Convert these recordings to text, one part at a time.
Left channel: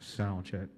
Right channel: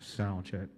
Sound check.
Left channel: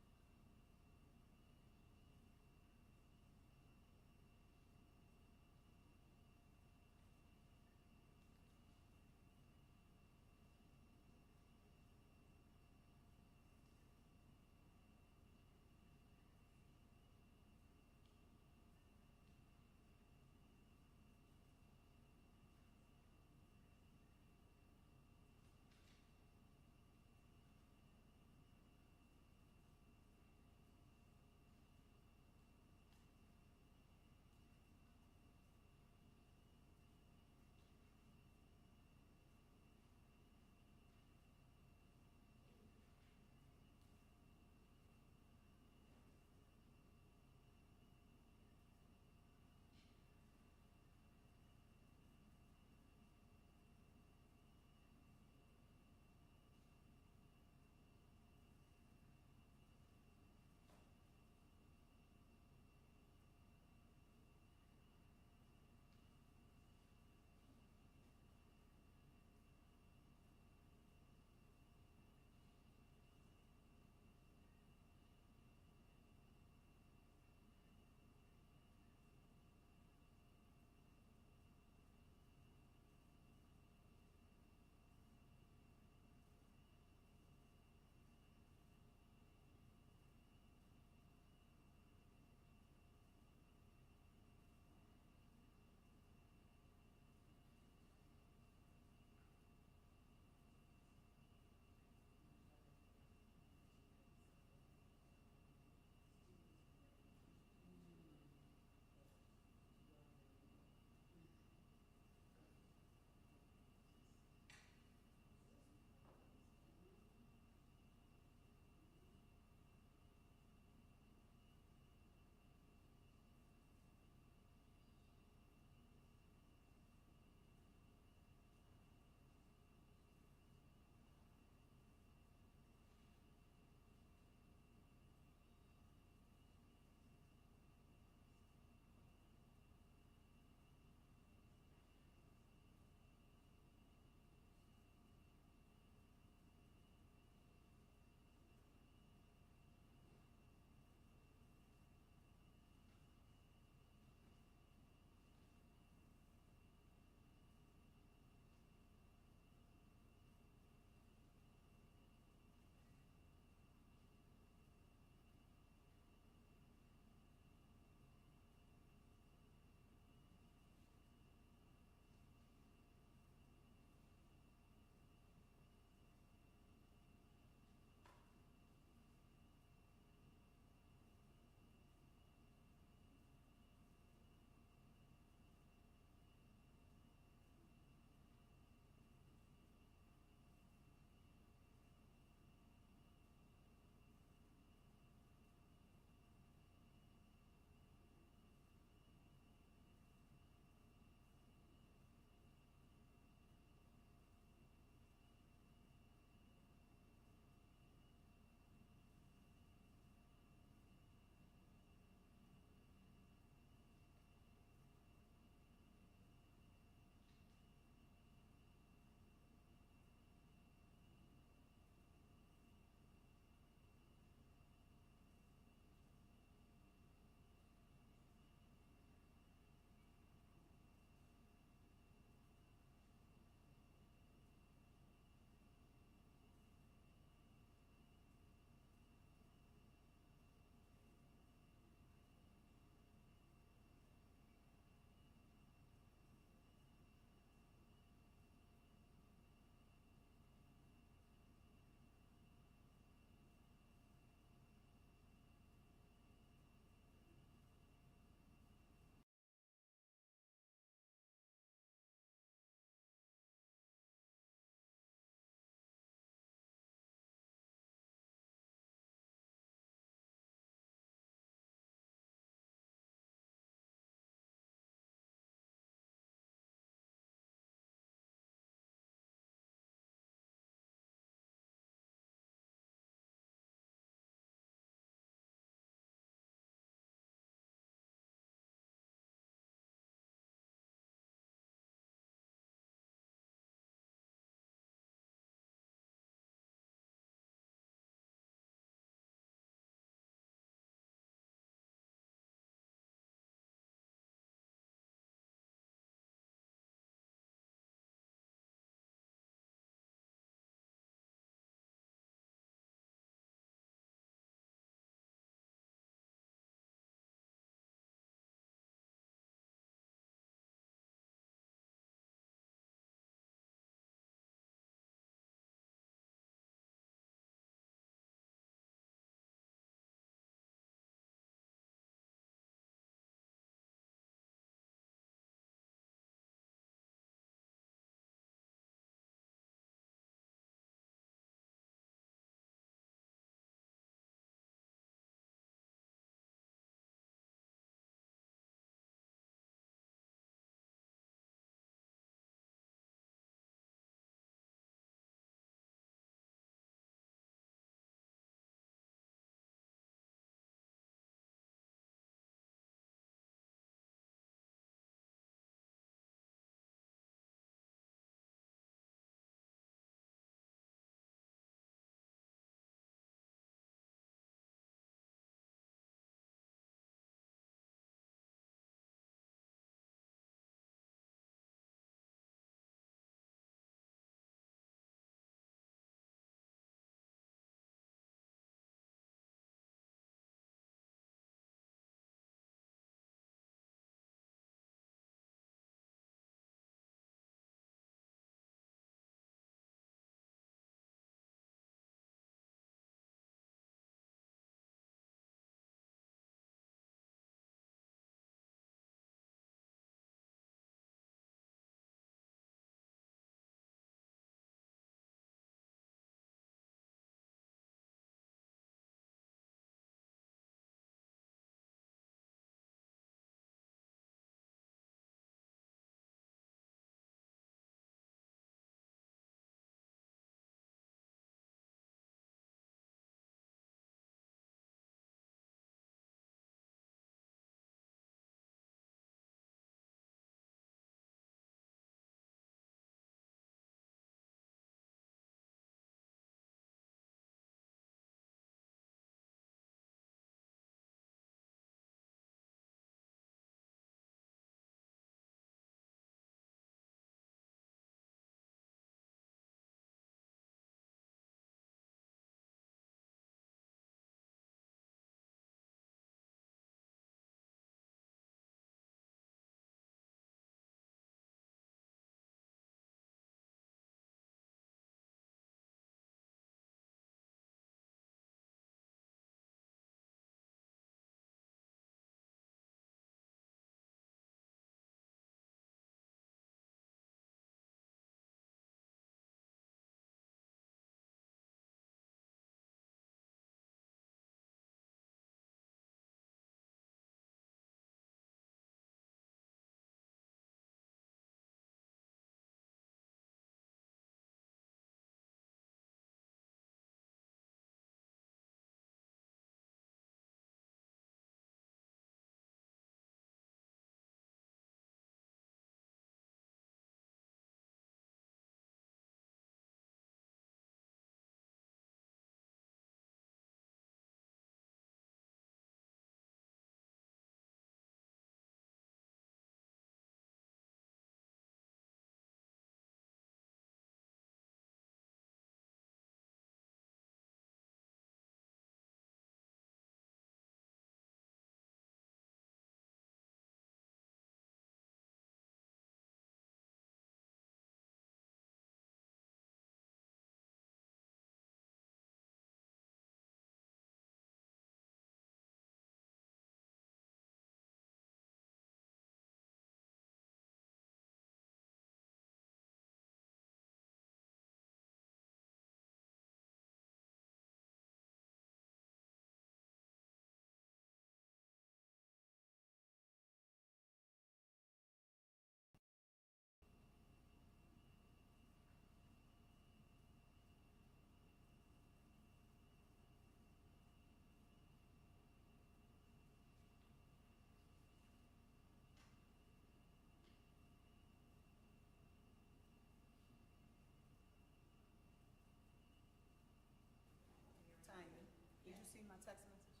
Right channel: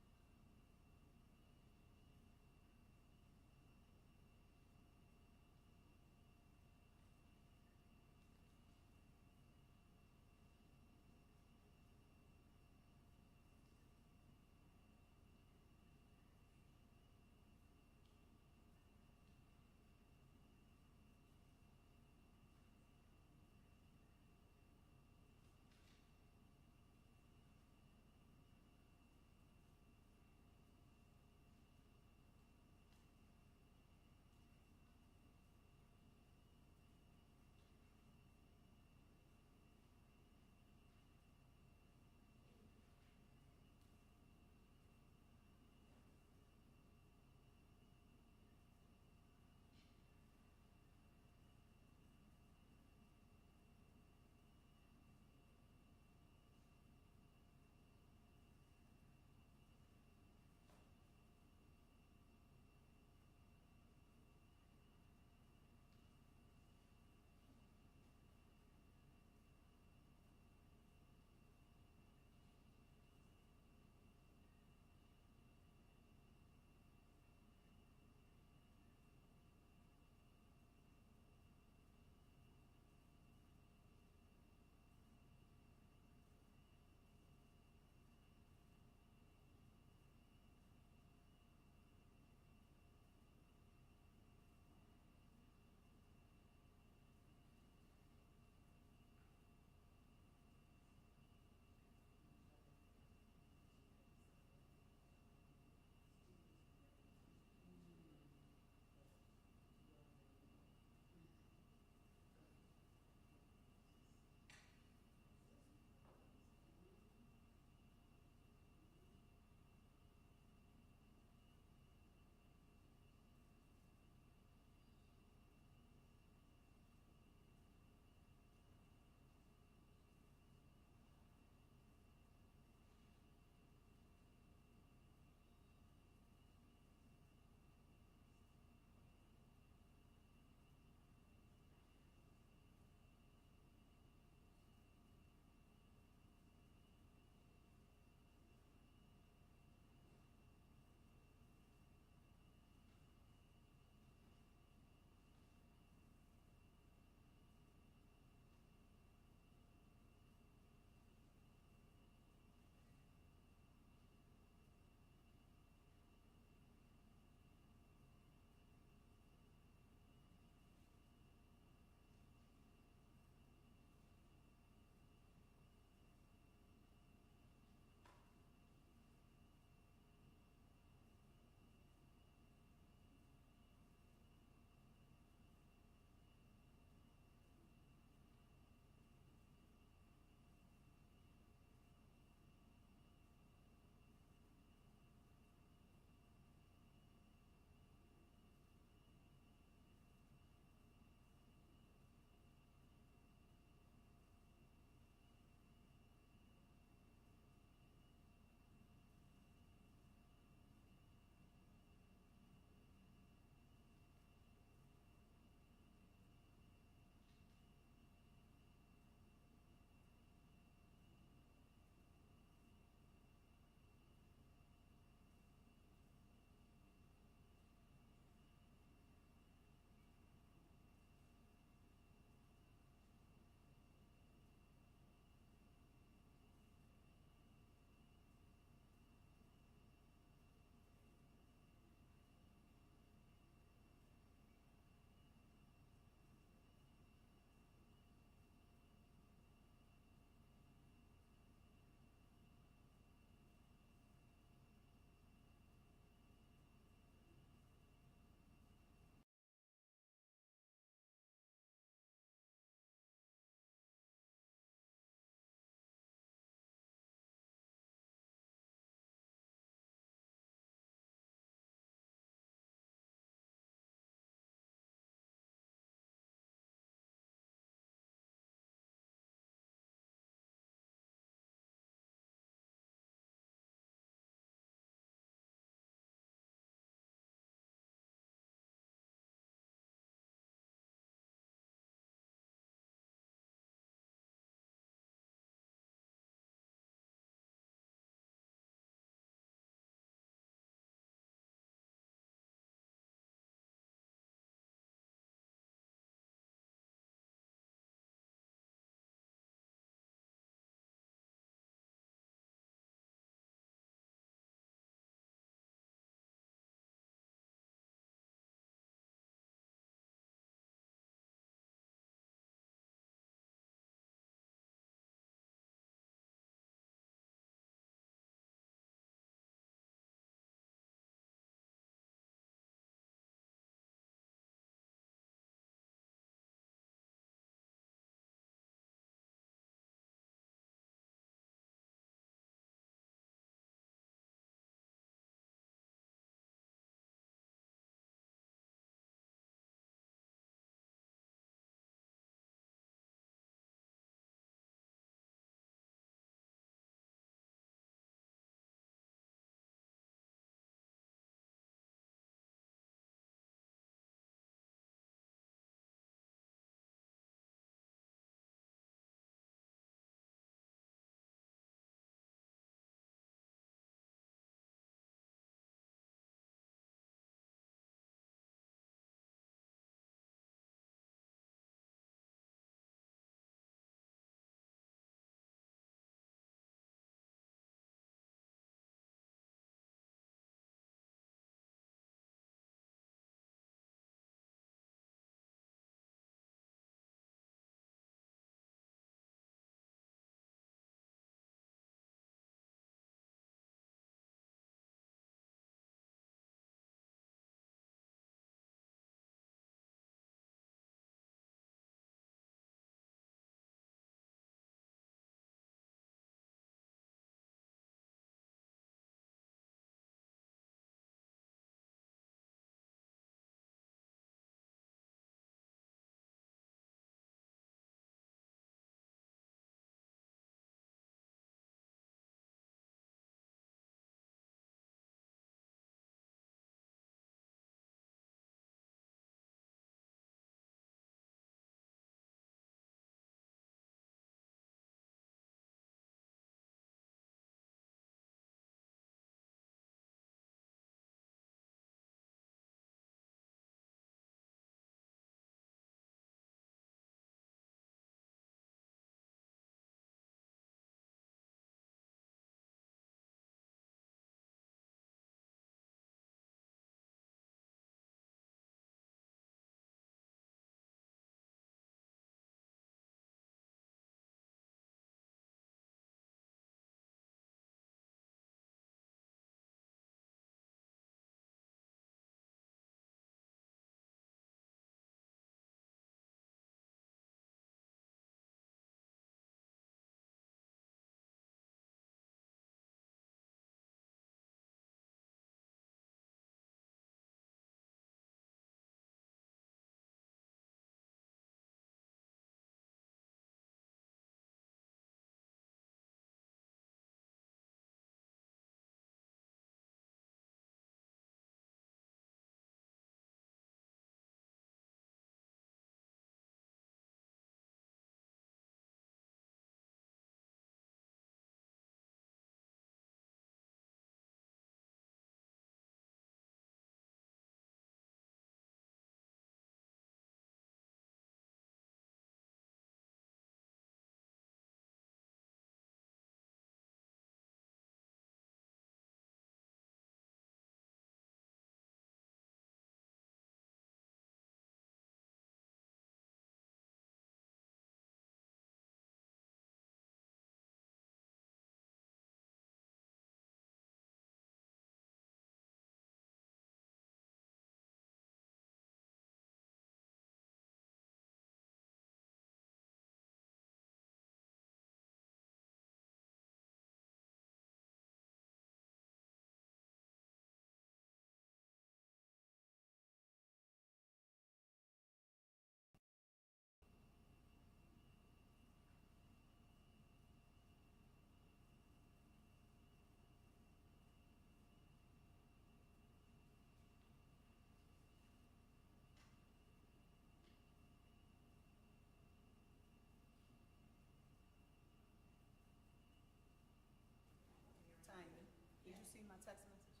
see my text message?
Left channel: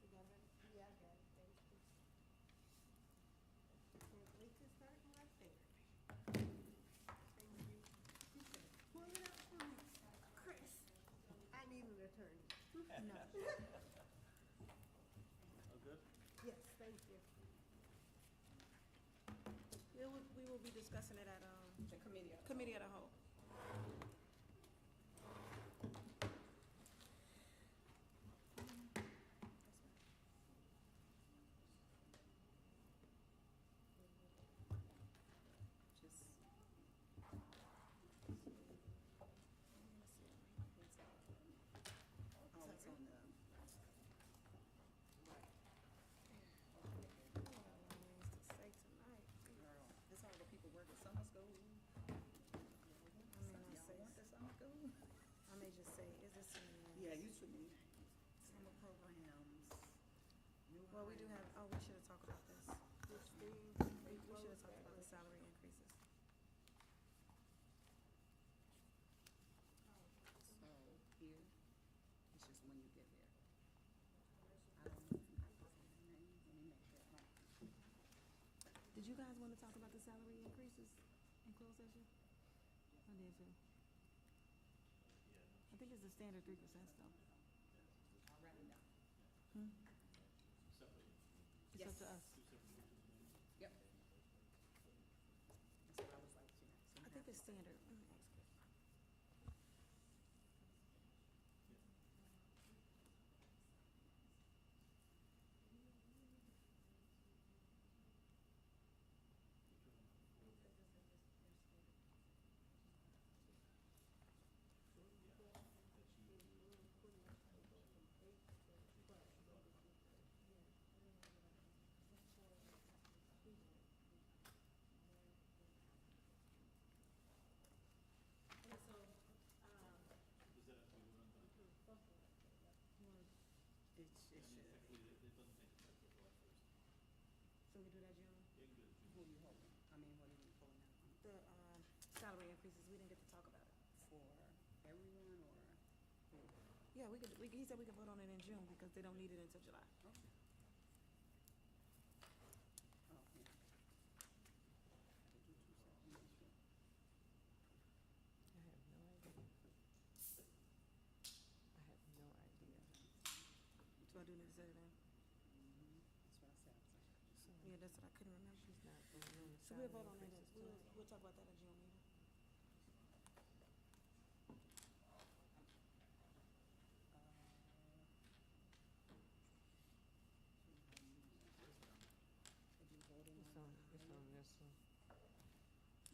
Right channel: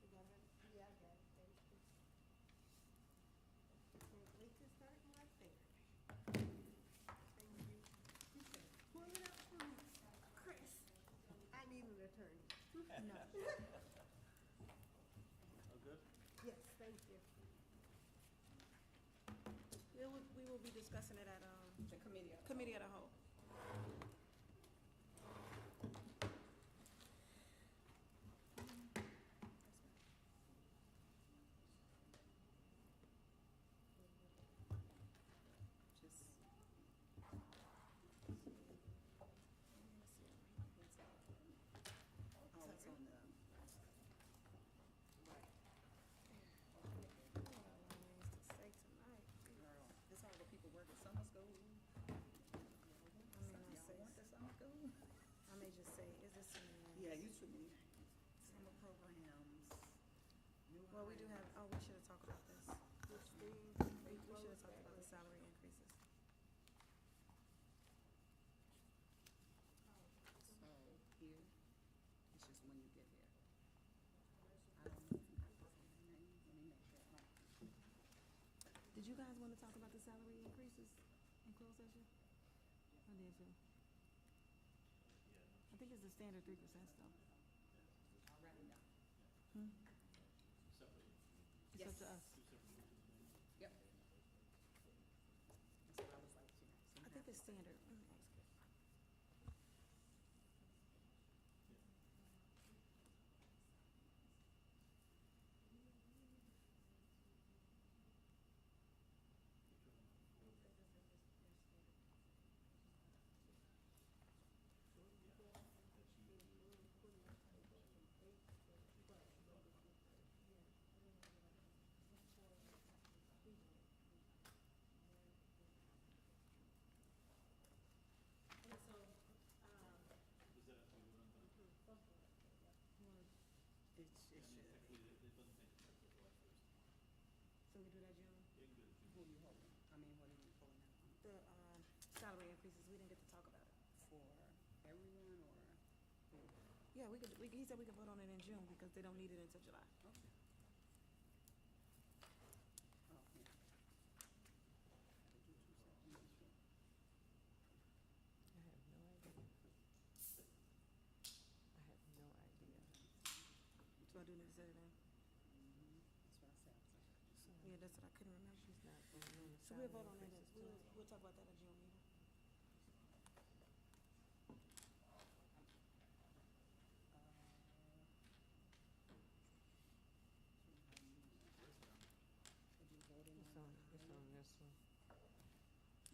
You got it? Yeah, I got it. Thank you. Can't wait to start my favorite. Thank you. She said, "Pull it up for me, Chris. I need an attorney." No. Good? Yes, thank you. We will be discussing it at The committee. committee of the whole. Just. Oh, it's on the. This all the people work at summer school. I may just say, is this in? Yeah, you should be. Summer programs. Well, we do have, we should have talked about this. We should have talked about the salary increases. So here, it's just when you get there. I don't know if you have to say the names. Let me make sure. Did you guys want to talk about the salary increases in closed session? I did too. I think it's the standard 3% still. Already know. It's Yes. up to us. Yep. That's what I was like, you know. So I think it's standard. Let me ask you. it should. So we do that, June? Who are you holding? I mean, what are you pulling out? The salary increases, we didn't get to talk about it. For everyone or? Yeah, he said we could vote on it in June because they don't need it until July. Okay. Oh, yeah. I have no idea. So I do need to say that. That's what I said. Yeah, that's what I couldn't remember. She's not. So we'll vote on that. We'll talk about that in June meeting.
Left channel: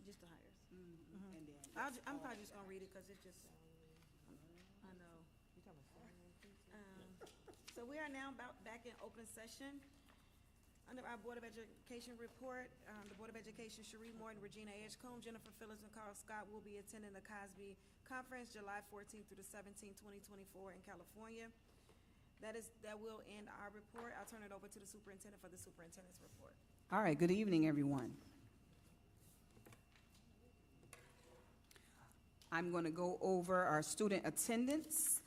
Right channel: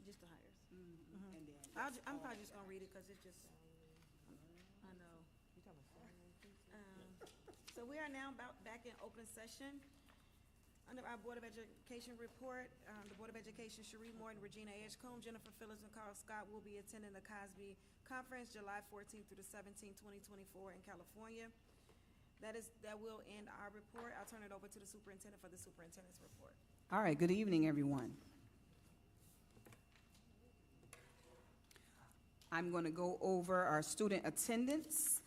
Just the hires. Mm-hmm. And then. I'm probably just gonna read it because it's just. I know. So we are now back in open session. Under our Board of Education report, the Board of Education, Cherie Morton, Regina Edgecombe, Jennifer Phillips, and Carl Scott will be attending the Cosby Conference July 14th through the 17th, 2024 in California. That will end our report. I'll turn it over to the superintendent for the superintendent's report. All right, good evening, everyone. I'm going to go over our student attendance.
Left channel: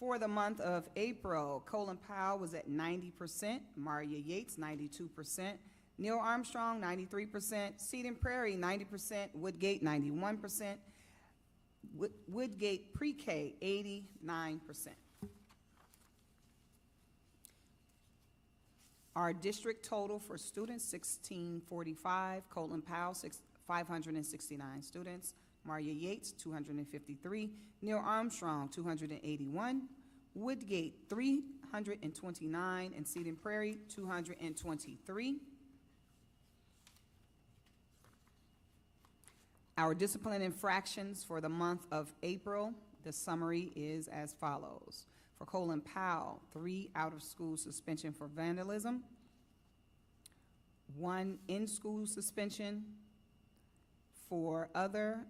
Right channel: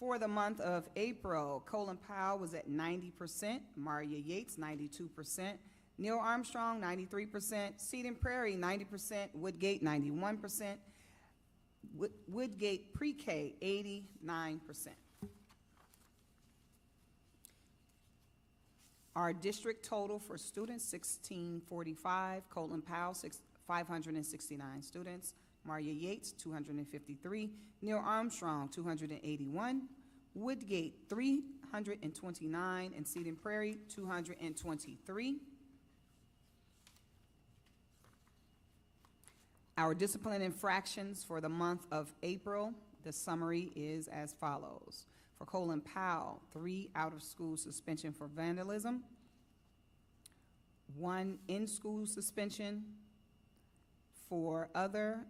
For the month of April, Colin Powell was at 90%, Maria Yates 92%, Neil Armstrong 93%, Cedar Prairie 90%, Woodgate 91%, Woodgate Pre-K 89%. Our district total for students 1645, Colin Powell 569 students, Maria Yates, 253, Neil Armstrong, 281, Woodgate, 329, and Cedar Prairie, 223. Our discipline infractions for the month of April, the summary is as follows. For Colin Powell, 3 out-of-school suspension for vandalism, 1 in-school suspension. For other,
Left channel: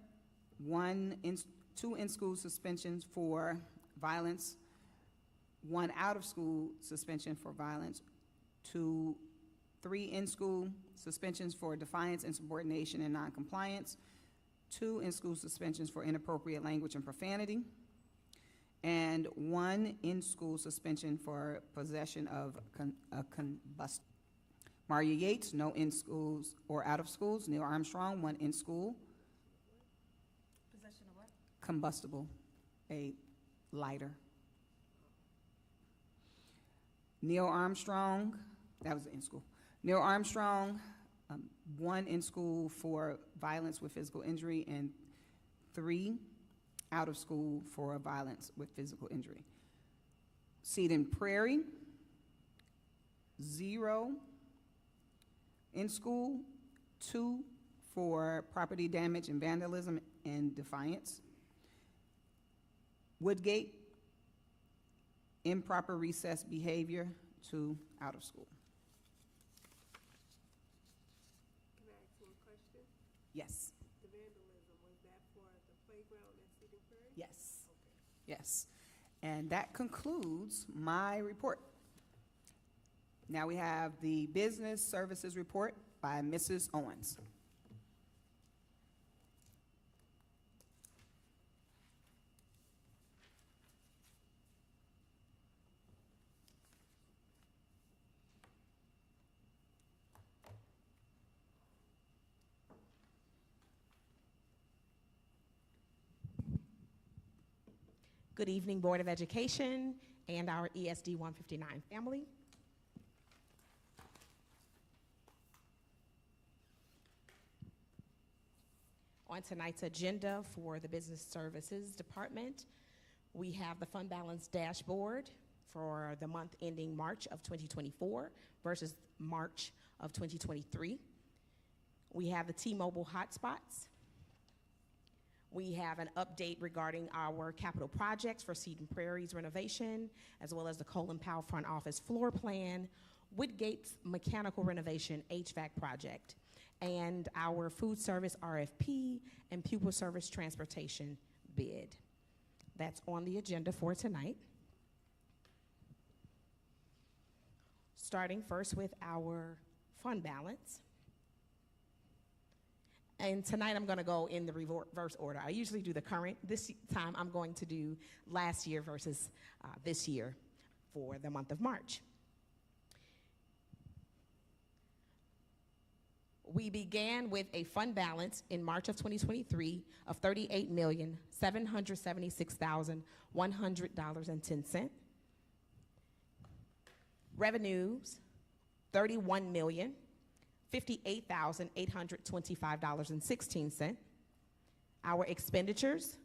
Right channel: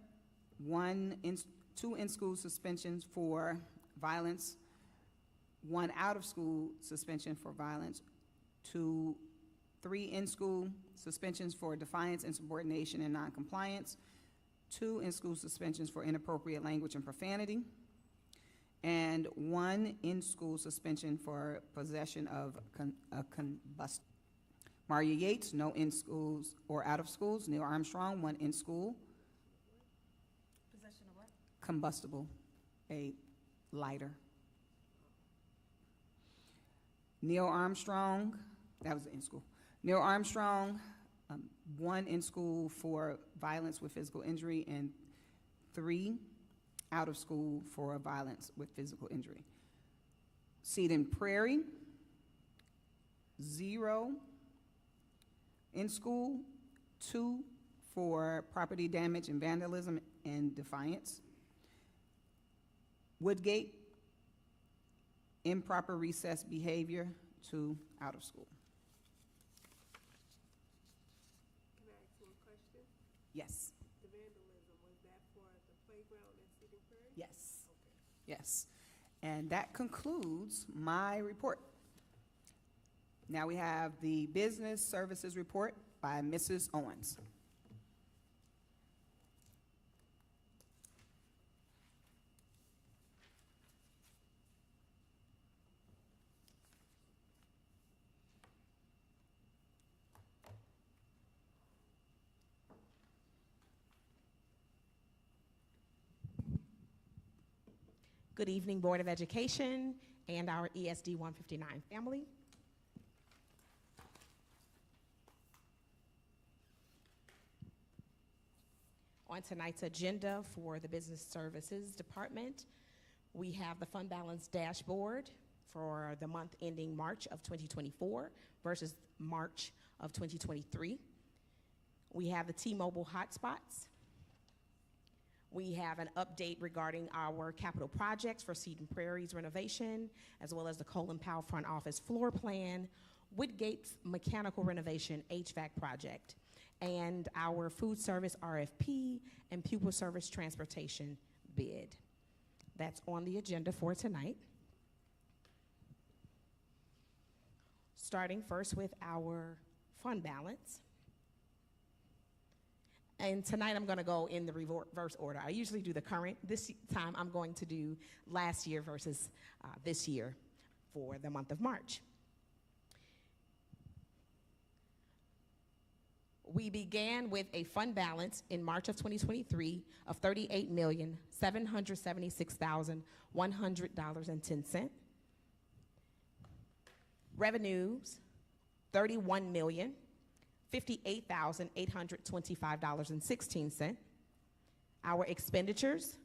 2 in-school suspensions for violence, 1 out-of-school suspension for violence, 2 3 in-school suspensions for defiance, insubordination, and noncompliance, 2 in-school suspensions for inappropriate language and profanity, and 1 in-school suspension for possession of a combustible. Maria Yates, no in schools or out of schools. Neil Armstrong, 1 in school. Possession of what? Combustible, a lighter. Neil Armstrong, that was in school. Neil Armstrong, 1 in school for violence with physical injury, and 3 out of school for violence with physical injury. Seaton Prairie, 0 in school, 2 for property damage and vandalism and defiance. Woodgate, improper recess behavior, 2 out of school. Can I ask you a question? Yes, The vandalism, was that for the playground at Cedar Prairie? yes, yes. And that concludes my report. Now we have the business services report by Mrs. Owens. Good evening, Board of Education and our ESD 159 family. On tonight's agenda for the Business Services Department, we have the fund balance dashboard for the month ending March of 2024 versus March of 2023. We have the T-Mobile hotspots. We have an update regarding our capital projects for Seaton Prairie's renovation, as well as the Colin Powell front office floor plan, Woodgate's mechanical renovation HVAC project, and our food service RFP and pupil service transportation bid. That's on the agenda for tonight. Starting first with our fund balance. And tonight I'm going to go in the reverse order. I usually do the current. This time I'm going to do last year versus this year for the month of March. We began with a fund balance in March of 2023 of $38,776,100.10. Revenues, $58,825.16. Our expenditures,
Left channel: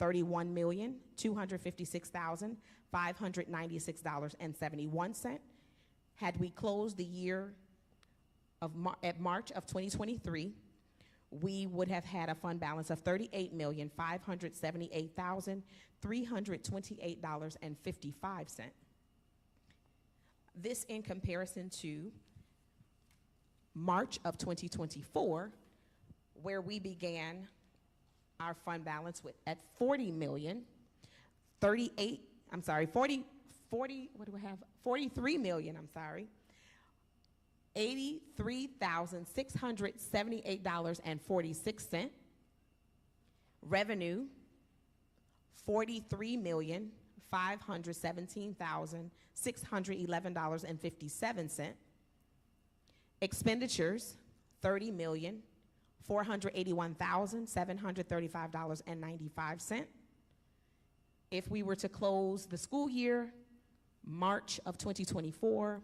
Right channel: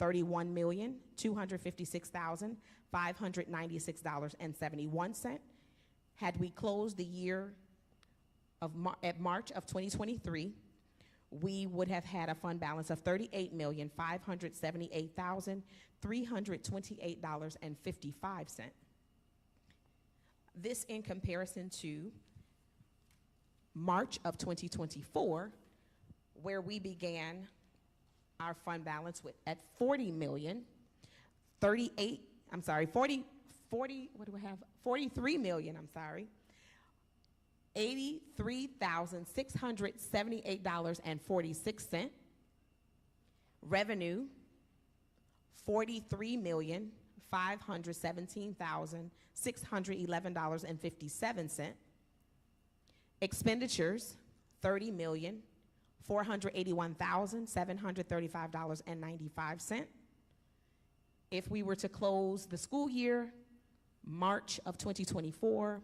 $31,256,596.71. Had we closed the year at March of 2023, we would have had a fund balance of $38,578,328.55. This in comparison to March of 2024, where we began our fund balance at 83,678,46. Revenue, $43,517,611.57. Expenditures, $30,481,735.95. If we were to close the school year, March of 2024,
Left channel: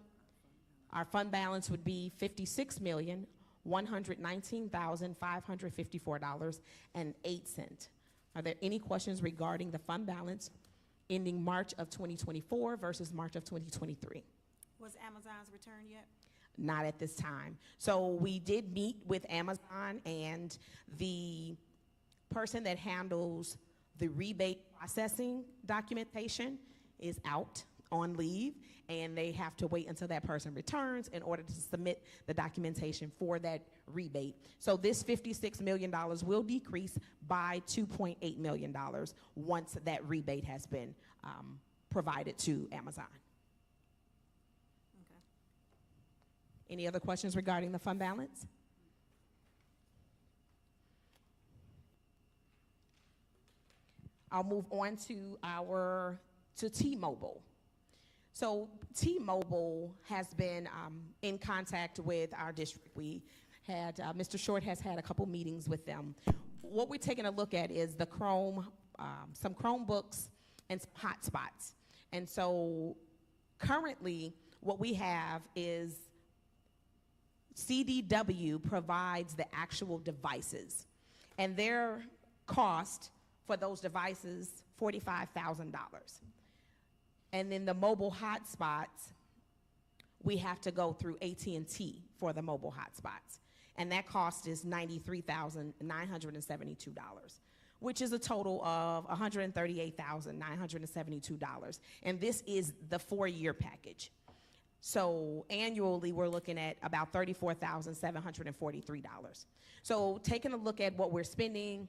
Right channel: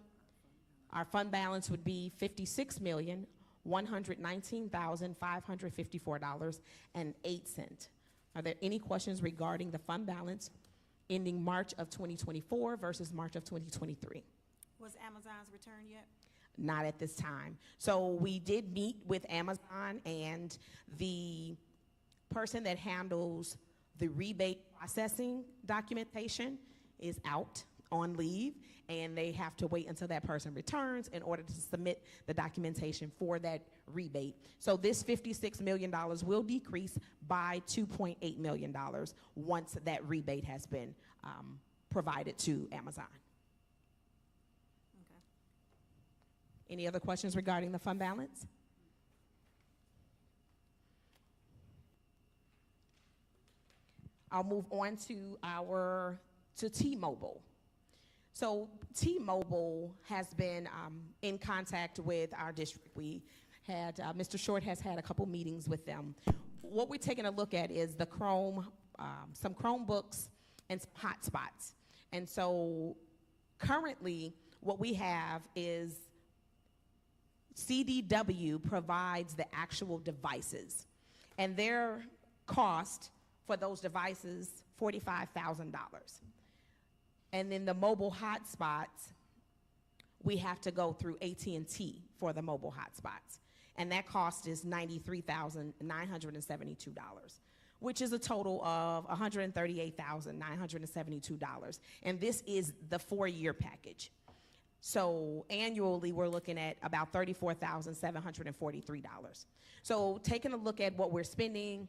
our fund balance would be $56,119,554.08. Are there any questions regarding the fund balance ending March of 2024 versus March of 2023? Was Amazon's return yet? Not at this time. So we did meet with Amazon, and the person that handles the rebate processing documentation is out on leave, and they have to wait until that person returns in order to submit the documentation for that rebate. So this $56 million will decrease by $2.8 million once that rebate has been provided to Amazon. Okay. Any other questions regarding the fund balance? I'll move on to T-Mobile. So T-Mobile has been in contact with our district. We had, Mr. Short has had a couple meetings with them. What we're taking a look at is the some Chromebooks and some hotspots. And so currently what we have is CDW provides the actual devices, and their cost for those devices, $45,000. And then the mobile hotspots, we have to go through AT&T for the mobile hotspots. And that cost is $93,972, which is a total of $138,972. And this is the 4-year package. So annually, we're looking at about $34,743. So taking a look at what we're spending,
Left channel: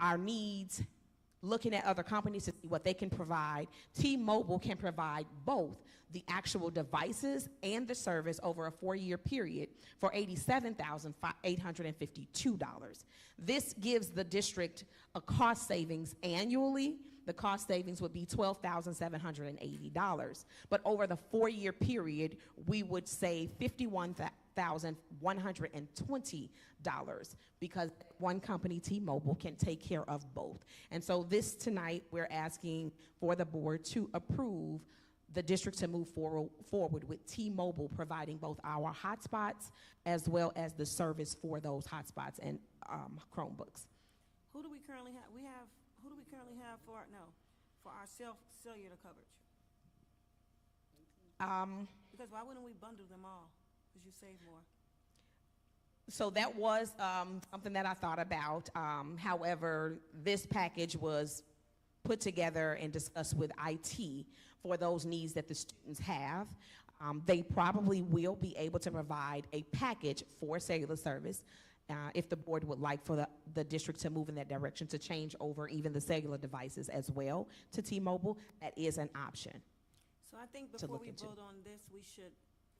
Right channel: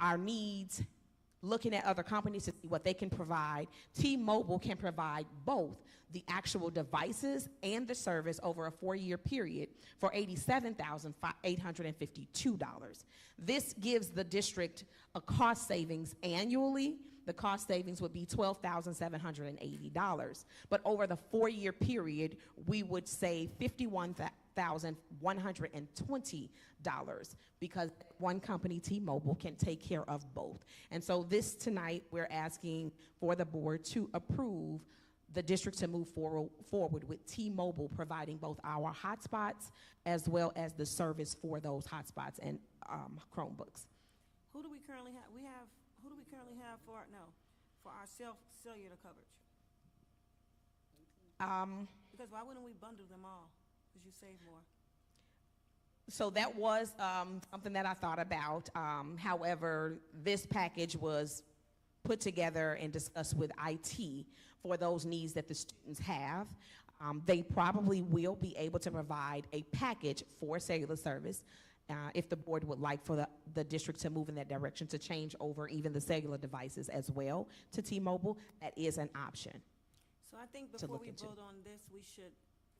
our needs, looking at other companies to see what they can provide, T-Mobile can provide both the actual devices and the service over a 4-year period for $87,852. This gives the district a cost savings annually. The cost savings would be $12,780. But over the 4-year period, we would save $51,120 because one company, T-Mobile, can take care of both. And so this tonight, we're asking for the board to approve the district to move forward with T-Mobile providing both our hotspots as well as the service for those hotspots and Chromebooks. Who do we currently have? Who do we currently have for our cellular coverage? Because why wouldn't we bundle them all? Because you save more. So that was something that I thought about. However, this package was put together and discussed with IT for those needs that the students have. They probably will be able to provide a package for cellular service if the board would like for the district to move in that direction to change over even the cellular devices as well to T-Mobile. That is an option. So I think before we vote on this, we should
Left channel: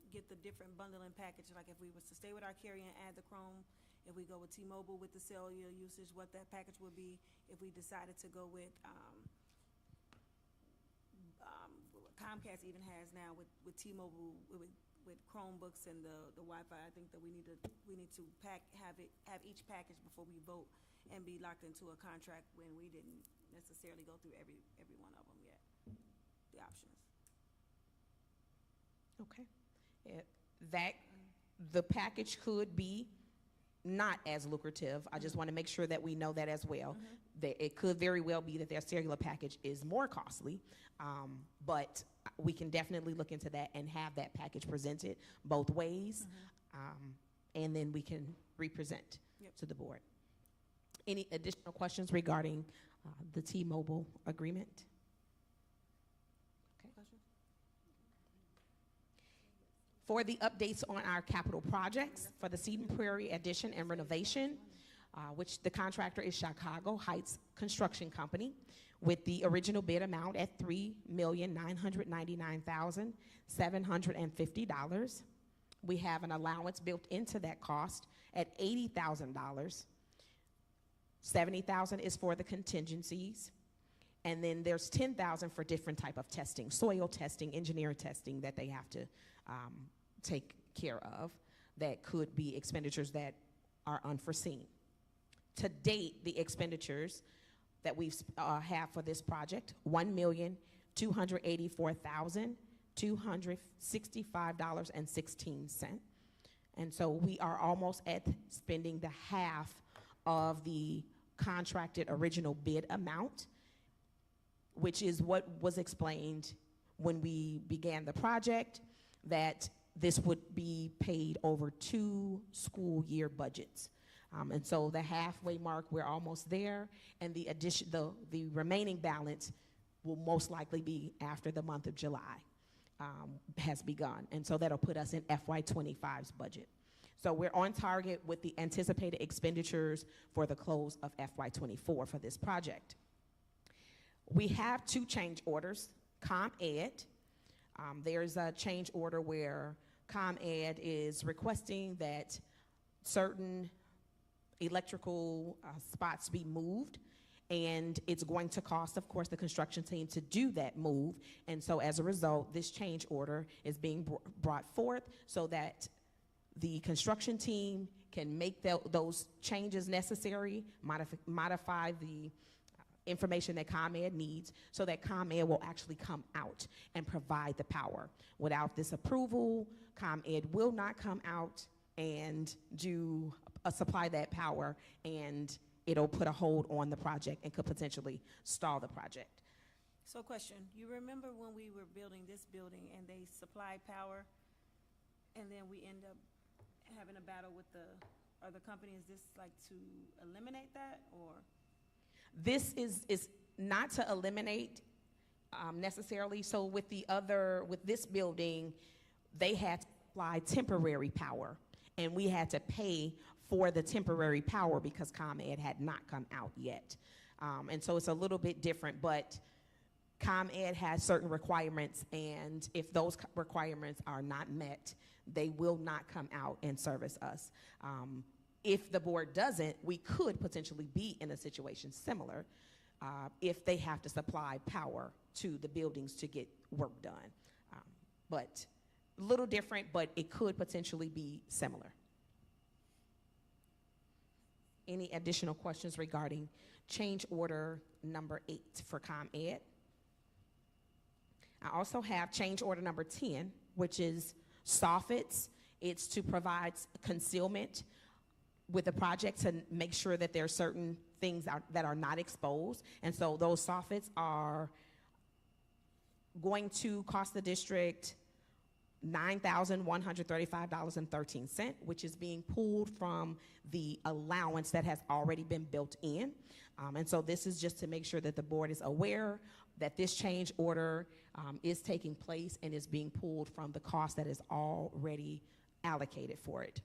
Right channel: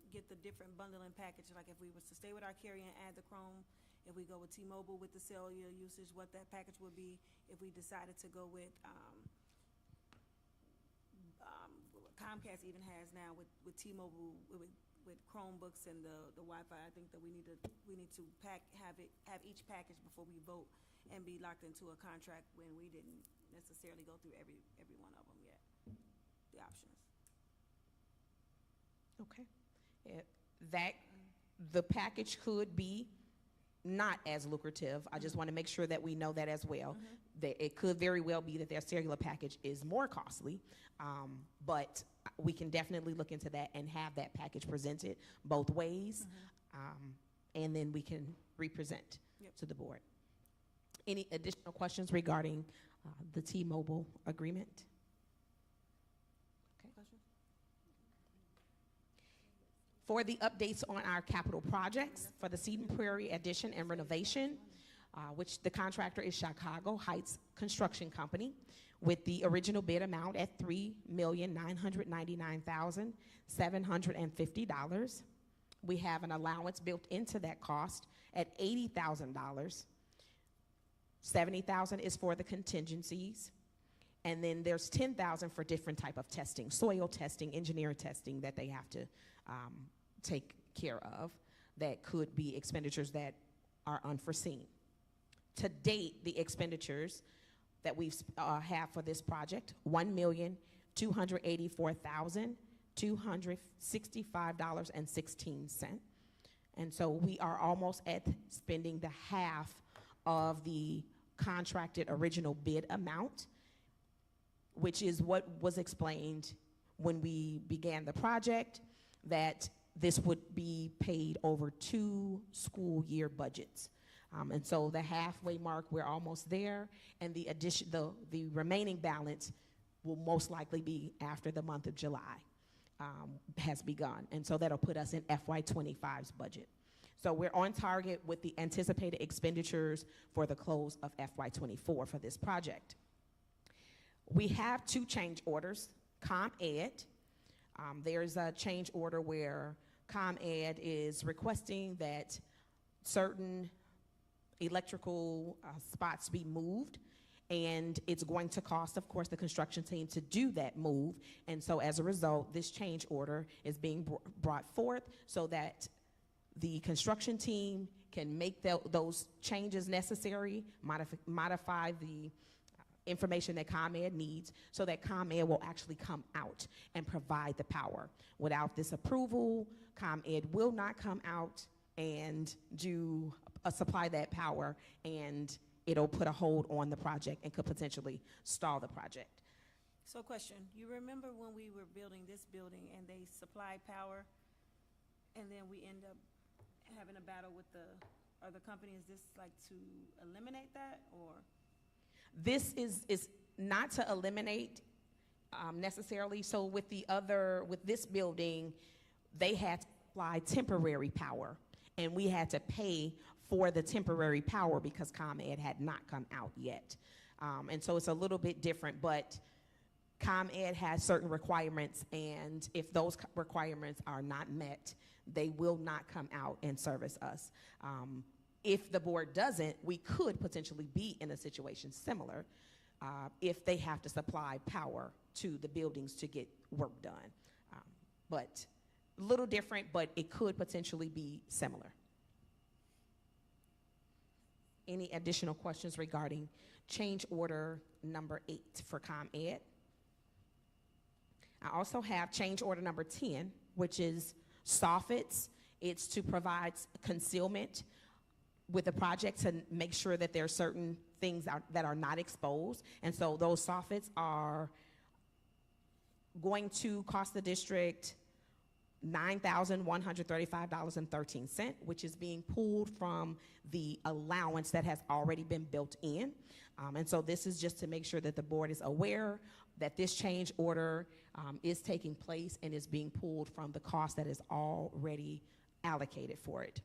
get the different bundling package. Like if we was to stay with our carrier and add the Chrome, if we go with T-Mobile with the cellular usage, what that package would be. If we decided to go with Comcast even has now with T-Mobile with Chromebooks and the Wi-Fi, I think that we need to have each package before we vote and be locked into a contract when we didn't necessarily go through every one of them yet. The options. Okay. That the package could be not as lucrative. I just want to make sure that we know that as well. That it could very well be that their cellular package is more costly, but we can definitely look into that and have that package presented both ways, and then we can represent to the board. Any additional questions regarding the T-Mobile agreement? For the updates on our capital projects for the Seton Prairie addition and renovation, which the contractor is Chicago Heights Construction Company, with the original bid amount at $3,999,750. We have an allowance built into that cost at $80,000. $70,000 is for the contingencies, and then there's $10,000 for different type of testing, soil testing, engineering testing that they have to take care of. That could be expenditures that are unforeseen. To date, the expenditures that we have for this project, $1,284,265.16. And so we are almost at spending the half of the contracted original bid amount, which is what was explained when we began the project, that this would be paid over 2 school year budgets. And so the halfway mark, we're almost there, and the remaining balance will most likely be after the month of July has begun. And so that'll put us in FY25's budget. So we're on target with the anticipated expenditures for the close of FY24 for this project. We have 2 change orders. Comp Ed, there's a change order where ComEd is requesting that certain electrical spots be moved, and it's going to cost, of course, the construction team to do that move. And so as a result, this change order is being brought forth so that the construction team can make those changes necessary, modify the information that ComEd needs so that ComEd will actually come out and provide the power. Without this approval, ComEd will not come out and supply that power, and it'll put a hold on the project and could potentially stall the project. So question, you remember when we were building this building and they supplied power and then we end up having a battle with the other company? Is this like to eliminate that, or? This is not to eliminate necessarily. So with this building, they had to supply temporary power, and we had to pay for the temporary power because ComEd had not come out yet. And so it's a little bit different, but ComEd has certain requirements, and if those requirements are not met, they will not come out and service us. If the board doesn't, we could potentially be in a situation similar if they have to supply power to the buildings to get work done. But a little different, but it could potentially be similar. Any additional questions regarding change order number 8 for ComEd? I also have change order number 10, which is soffits. It's to provide concealment with the project to make sure that there are certain things that are not exposed. And so those soffits are going to cost the district $9,135.13, which is being pulled from the allowance that has already been built in. And so this is just to make sure that the board is aware that this change order is taking place and is being pulled from the cost that is already allocated for it.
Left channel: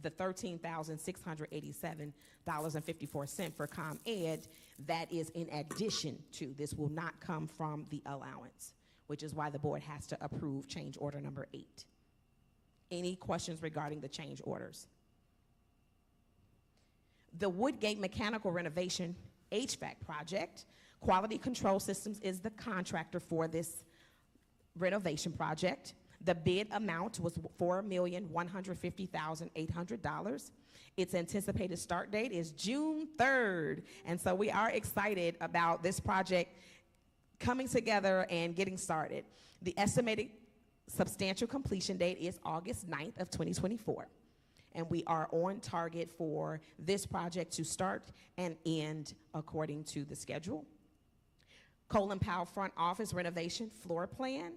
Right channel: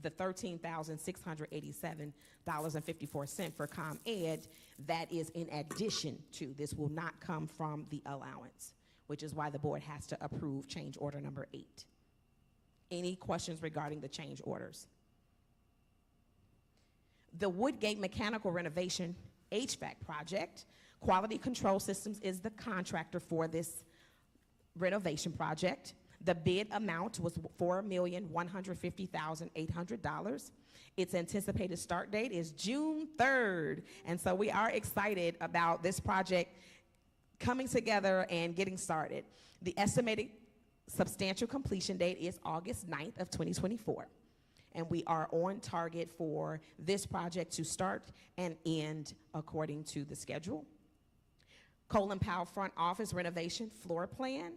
The $13,687.54 for ComEd, that is in addition to. This will not come from the allowance, which is why the board has to approve change order number 8. Any questions regarding the change orders? The Woodgate Mechanical Renovation HVAC project, Quality Control Systems is the contractor for this renovation project. The bid amount was $4,150,800. Its anticipated start date is June 3rd. And so we are excited about this project coming together and getting started. The estimated substantial completion date is August 9th of 2024. And we are on target for this project to start and end according to the schedule. Colin Powell front office renovation floor plan.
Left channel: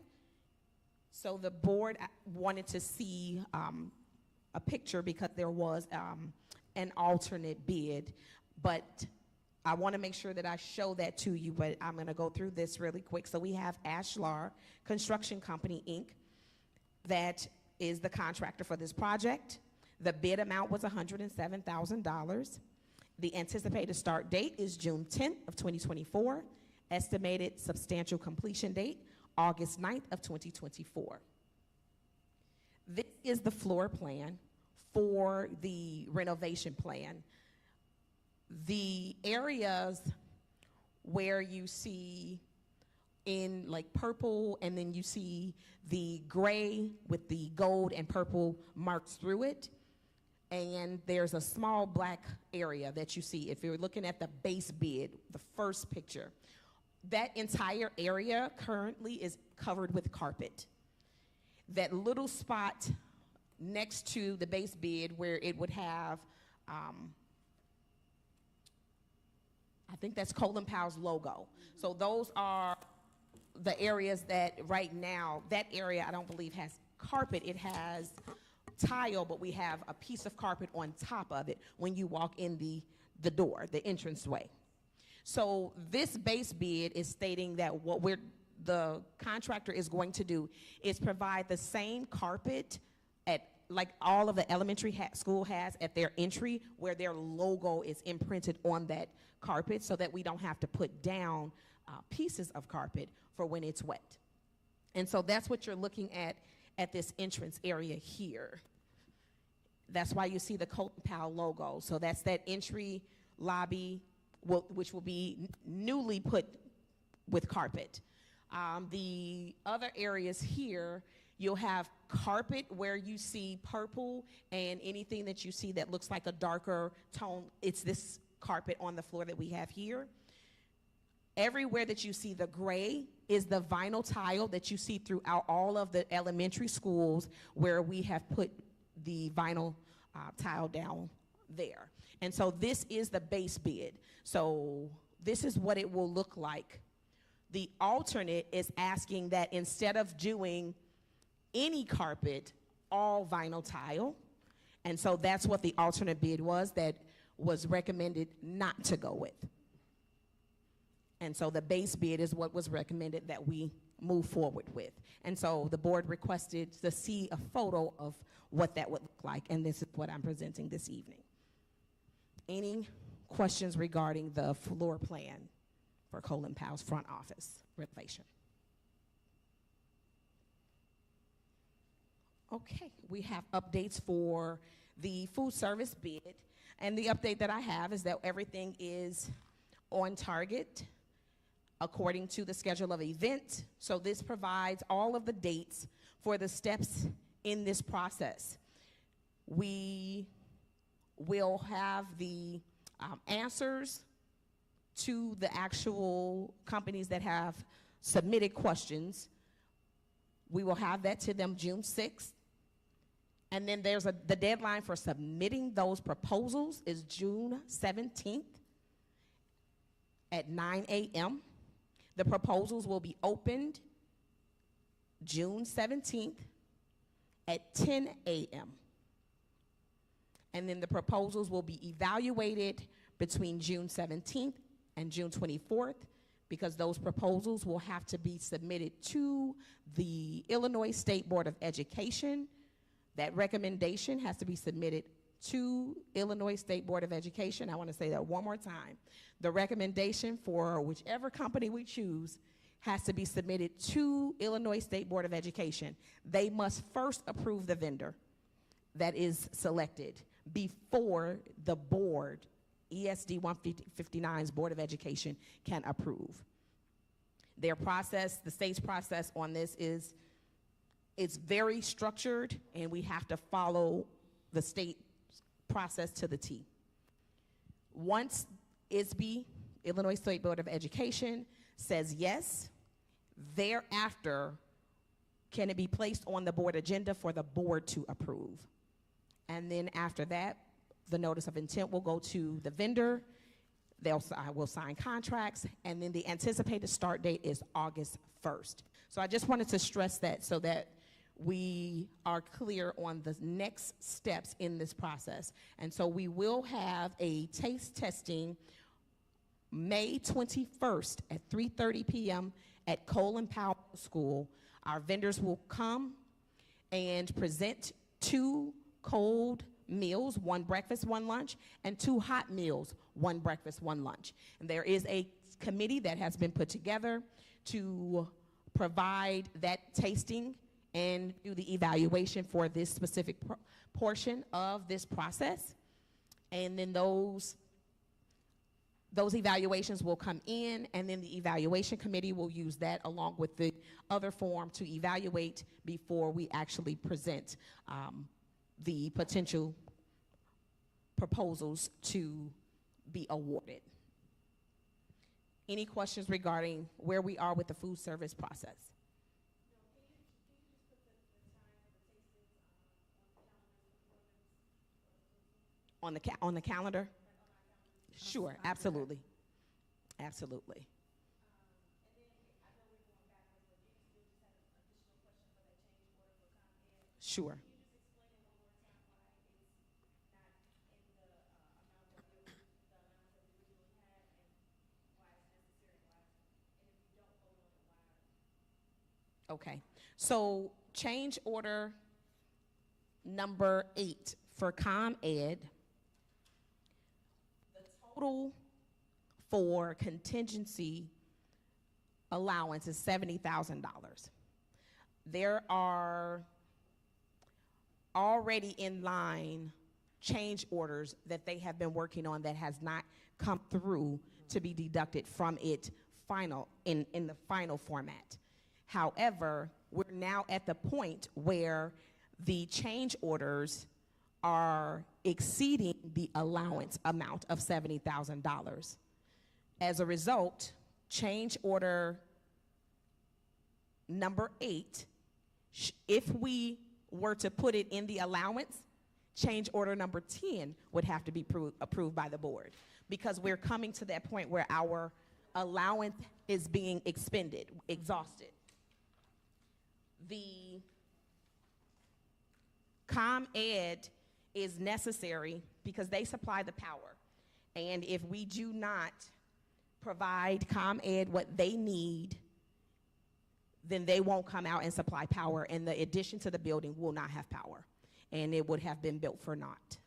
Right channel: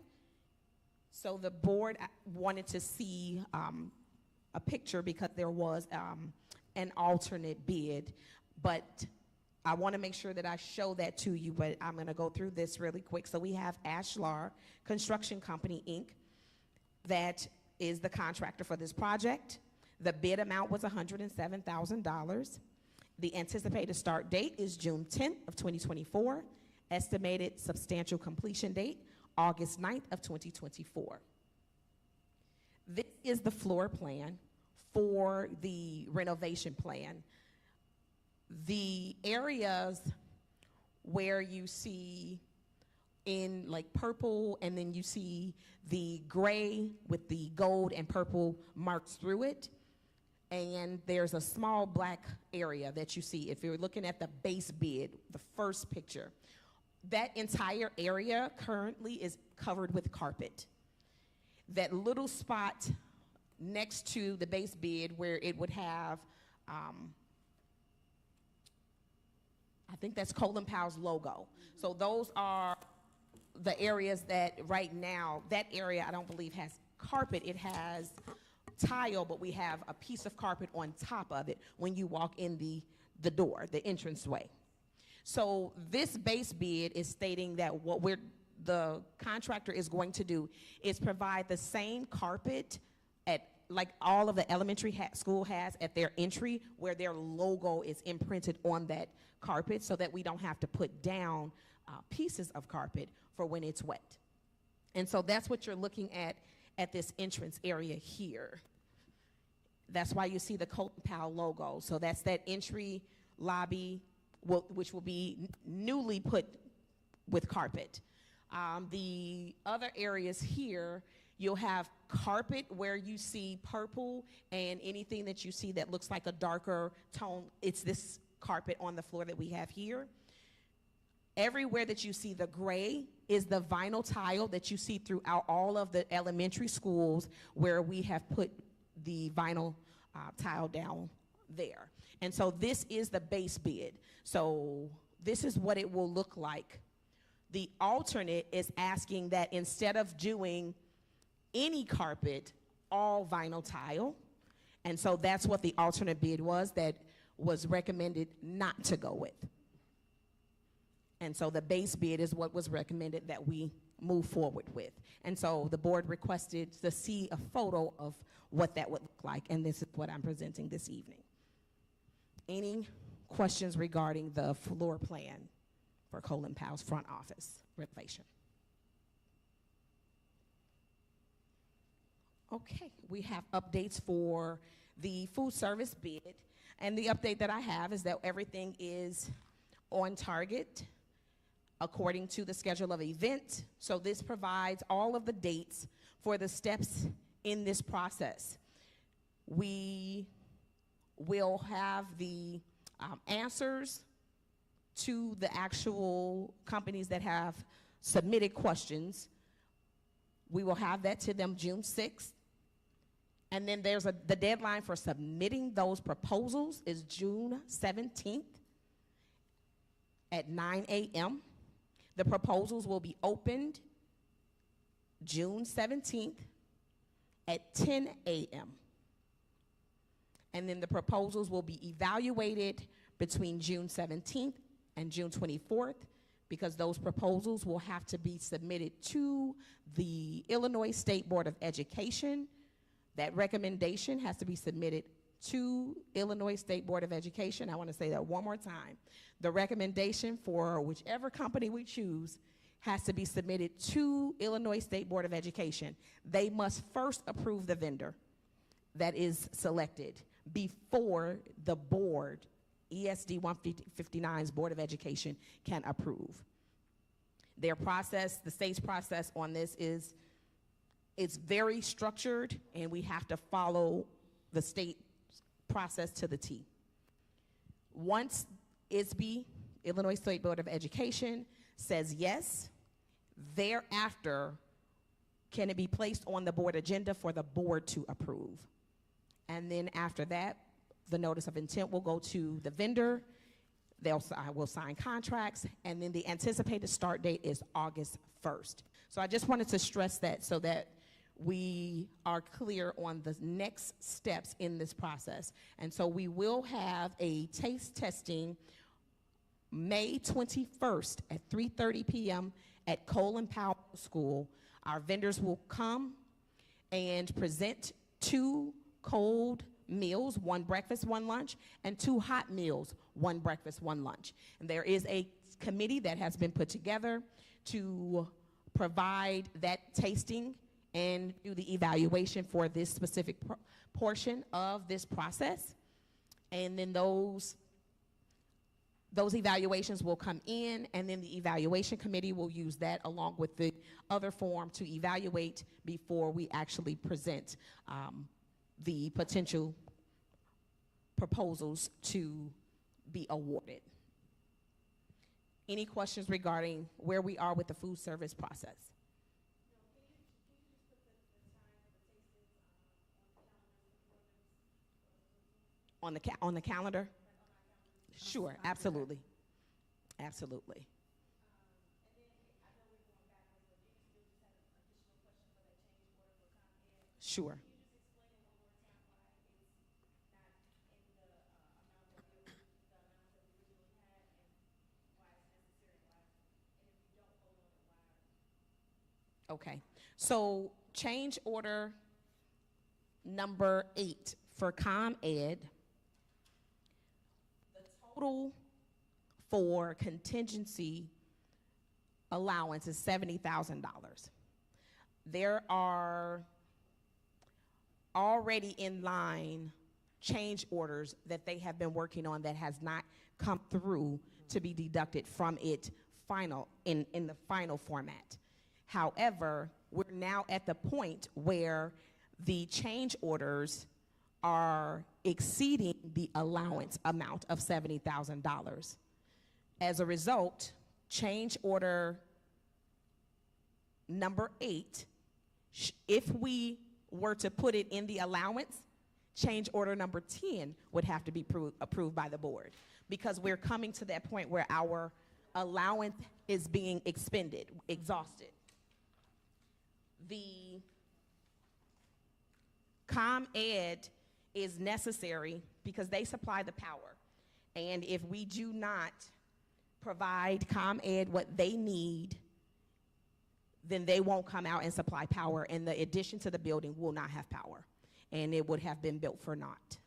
So the board wanted to see a picture because there was an alternate bid, but I want to make sure that I show that to you, but I'm going to go through this really quick. So we have Ashlar Construction Company, Inc., that is the contractor for this project. The bid amount was $107,000. The anticipated start date is June 10th of 2024. Estimated substantial completion date, August 9th of 2024. This is the floor plan for the renovation plan. The areas where you see in like purple and then you see the gray with the gold and purple marks through it, and there's a small black area that you see if you're looking at the base bid, the first picture. That entire area currently is covered with carpet. That little spot next to the base bid where it would have, I think that's Colin Powell's logo. So those are the areas that right now, that area I don't believe has carpet. It has tile, but we have a piece of carpet on top of it when you walk in the door, the entranceway. So this base bid is stating that the contractor is going to do is provide the same carpet at like all of the elementary school has at their entry where their logo is imprinted on that carpet so that we don't have to put down pieces of carpet for when it's wet. And so that's what you're looking at at this entrance area here. That's why you see the Colton Powell logo. So that's that entry lobby, which will be newly put with carpet. The other areas here, you'll have carpet where you see purple, and anything that you see that looks like a darker tone, it's this carpet on the floor that we have here. Everywhere that you see the gray is the vinyl tile that you see throughout all of the elementary schools where we have put the vinyl tile down there. And so this is the base bid. So this is what it will look like. The alternate is asking that instead of doing any carpet, all vinyl tile. And so that's what the alternate bid was that was recommended not to go with. And so the base bid is what was recommended that we move forward with. And so the board requested to see a photo of what that would look like, and this is what I'm presenting this evening. Any questions regarding the floor plan for Colin Powell's front office renovation? Okay, we have updates for the food service bid, and the update that I have is that everything is on target according to the schedule of event. So this provides all of the dates for the steps in this process. We will have the answers to the actual companies that have submitted questions. We will have that to them June 6th. And then there's the deadline for submitting those proposals is June 17th at 9 a.m. The proposals will be opened June 17th at 10 a.m. And then the proposals will be evaluated between June 17th and June 24th, because those proposals will have to be submitted to the Illinois State Board of Education. That recommendation has to be submitted to Illinois State Board of Education. I want to say that one more time. The recommendation for whichever company we choose has to be submitted to Illinois State Board of Education. They must first approve the vendor that is selected before the board, ESD 159's Board of Education, can approve. Their process, the state's process on this is, it's very structured, and we have to follow the state process to the T. Once ISB, Illinois State Board of Education, says yes, thereafter can it be placed on the board agenda for the board to approve. And then after that, the notice of intent will go to the vendor. Will sign contracts, and then the anticipated start date is August 1st. So I just wanted to stress that so that we are clear on the next steps in this process. And so we will have a taste testing May 21st at 3:30 p.m. at Colin Powell School. Our vendors will come and present 2 cold meals, 1 breakfast, 1 lunch, and 2 hot meals, 1 breakfast, 1 lunch. And there is a committee that has been put together to provide that tasting and do the evaluation for this specific portion of this process. And then those evaluations will come in, and then the evaluation committee will use that along with the other form to evaluate before we actually present the potential proposals to be awarded. Any questions regarding where we are with the food service process? On the calendar? Sure, absolutely. Absolutely. Sure. Okay, so change order number 8 for ComEd, the total for contingency allowance is $70,000. There are already in line change orders that they have been working on that has not come through to be deducted from it in the final format. However, we're now at the point where the change orders are exceeding the allowance amount of $70,000. As a result, change order number 8, if we were to put it in the allowance, change order number 10 would have to be approved by the board, because we're coming to that point where our allowance is being exhausted. The ComEd is necessary because they supply the power. And if we do not provide ComEd what they need, then they won't come out and supply power, and the addition to the building will not have power, and it would have been built for naught.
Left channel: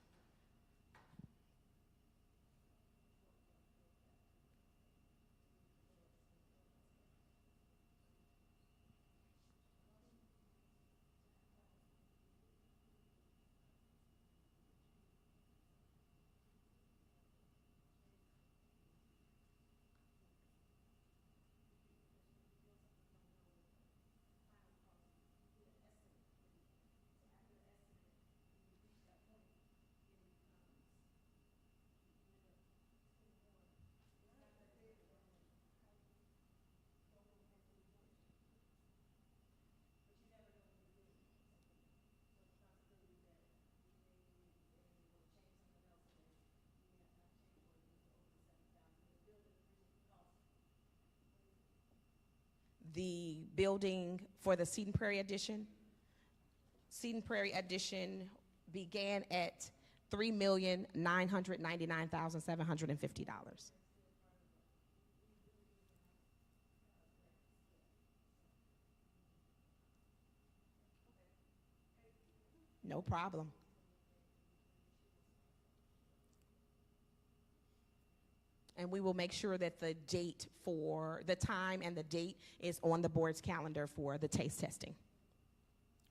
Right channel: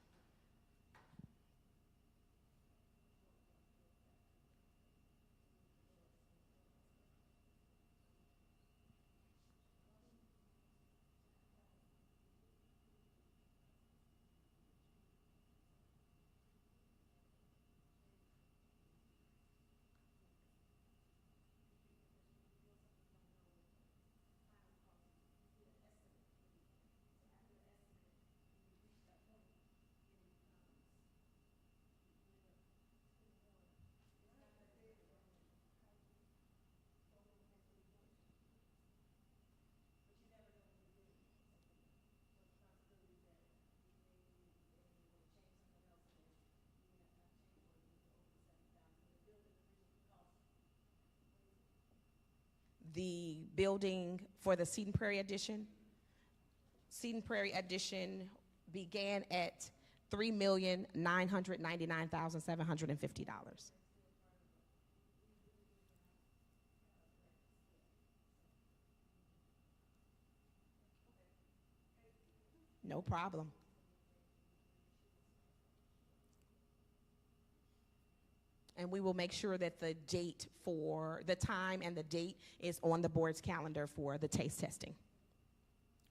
The building for the Seton Prairie addition began at $3,999,750. No problem. And we will make sure that the time and the date is on the board's calendar for the taste testing.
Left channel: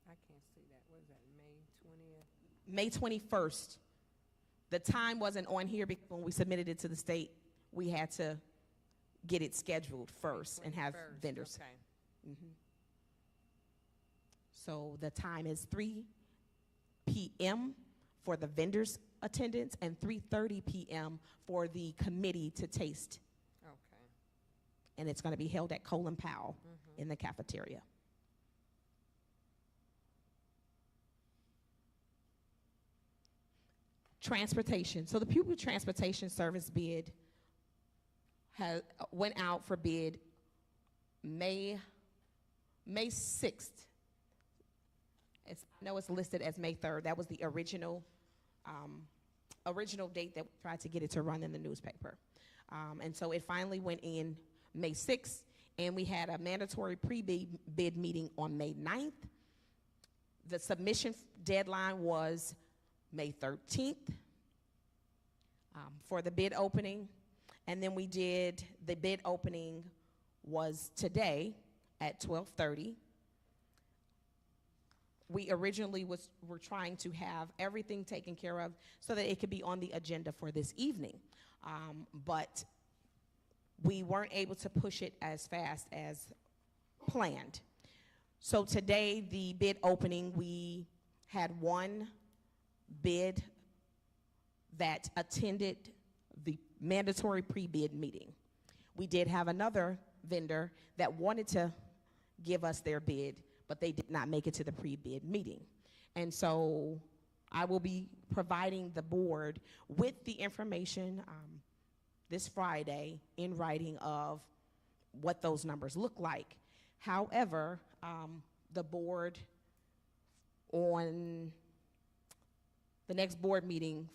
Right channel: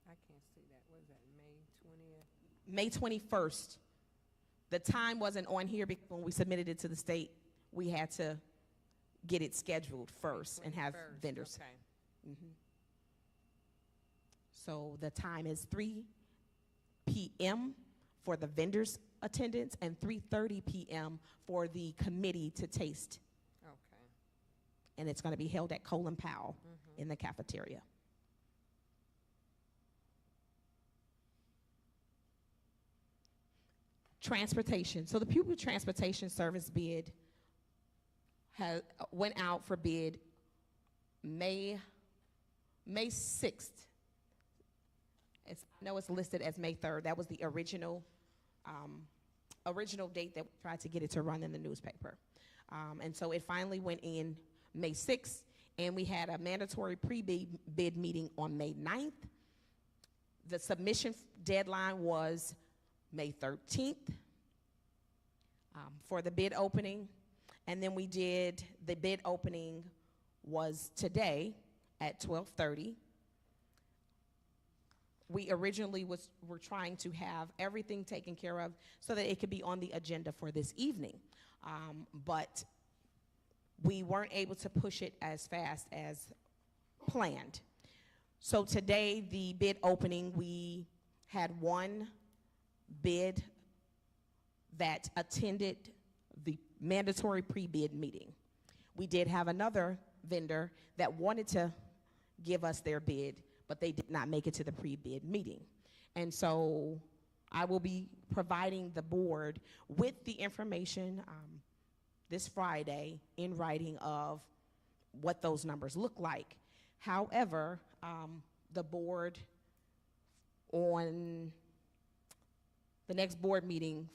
I can't see that. What is that, May 20th? May 21st. The time wasn't on here because when we submitted it to the state, we had to get it scheduled first and have vendors. Okay. So the time is 3 p.m. for the vendors' attendance and 3:30 p.m. for the committee to taste. Okay. And it's going to be held at Colin Powell in the cafeteria. Transportation. So the pupil transportation service bid went out for bid May 6th. I know it's listed as May 3rd. That was the original date that we tried to get it to run in the newspaper. And so it finally went in May 6th, and we had a mandatory pre-bid meeting on May 9th. The submission deadline was May 13th for the bid opening. And then we did, the bid opening was today at 12:30. We originally were trying to have everything taken care of so that it could be on the agenda for this evening. But we weren't able to push it as fast as planned. So today, the bid opening, we had one bid that attended the mandatory pre-bid meeting. We did have another vendor that wanted to give us their bid, but they did not make it to the pre-bid meeting. And so I will be providing the board with the information this Friday in writing of what those numbers look like. However, the board on the next board meeting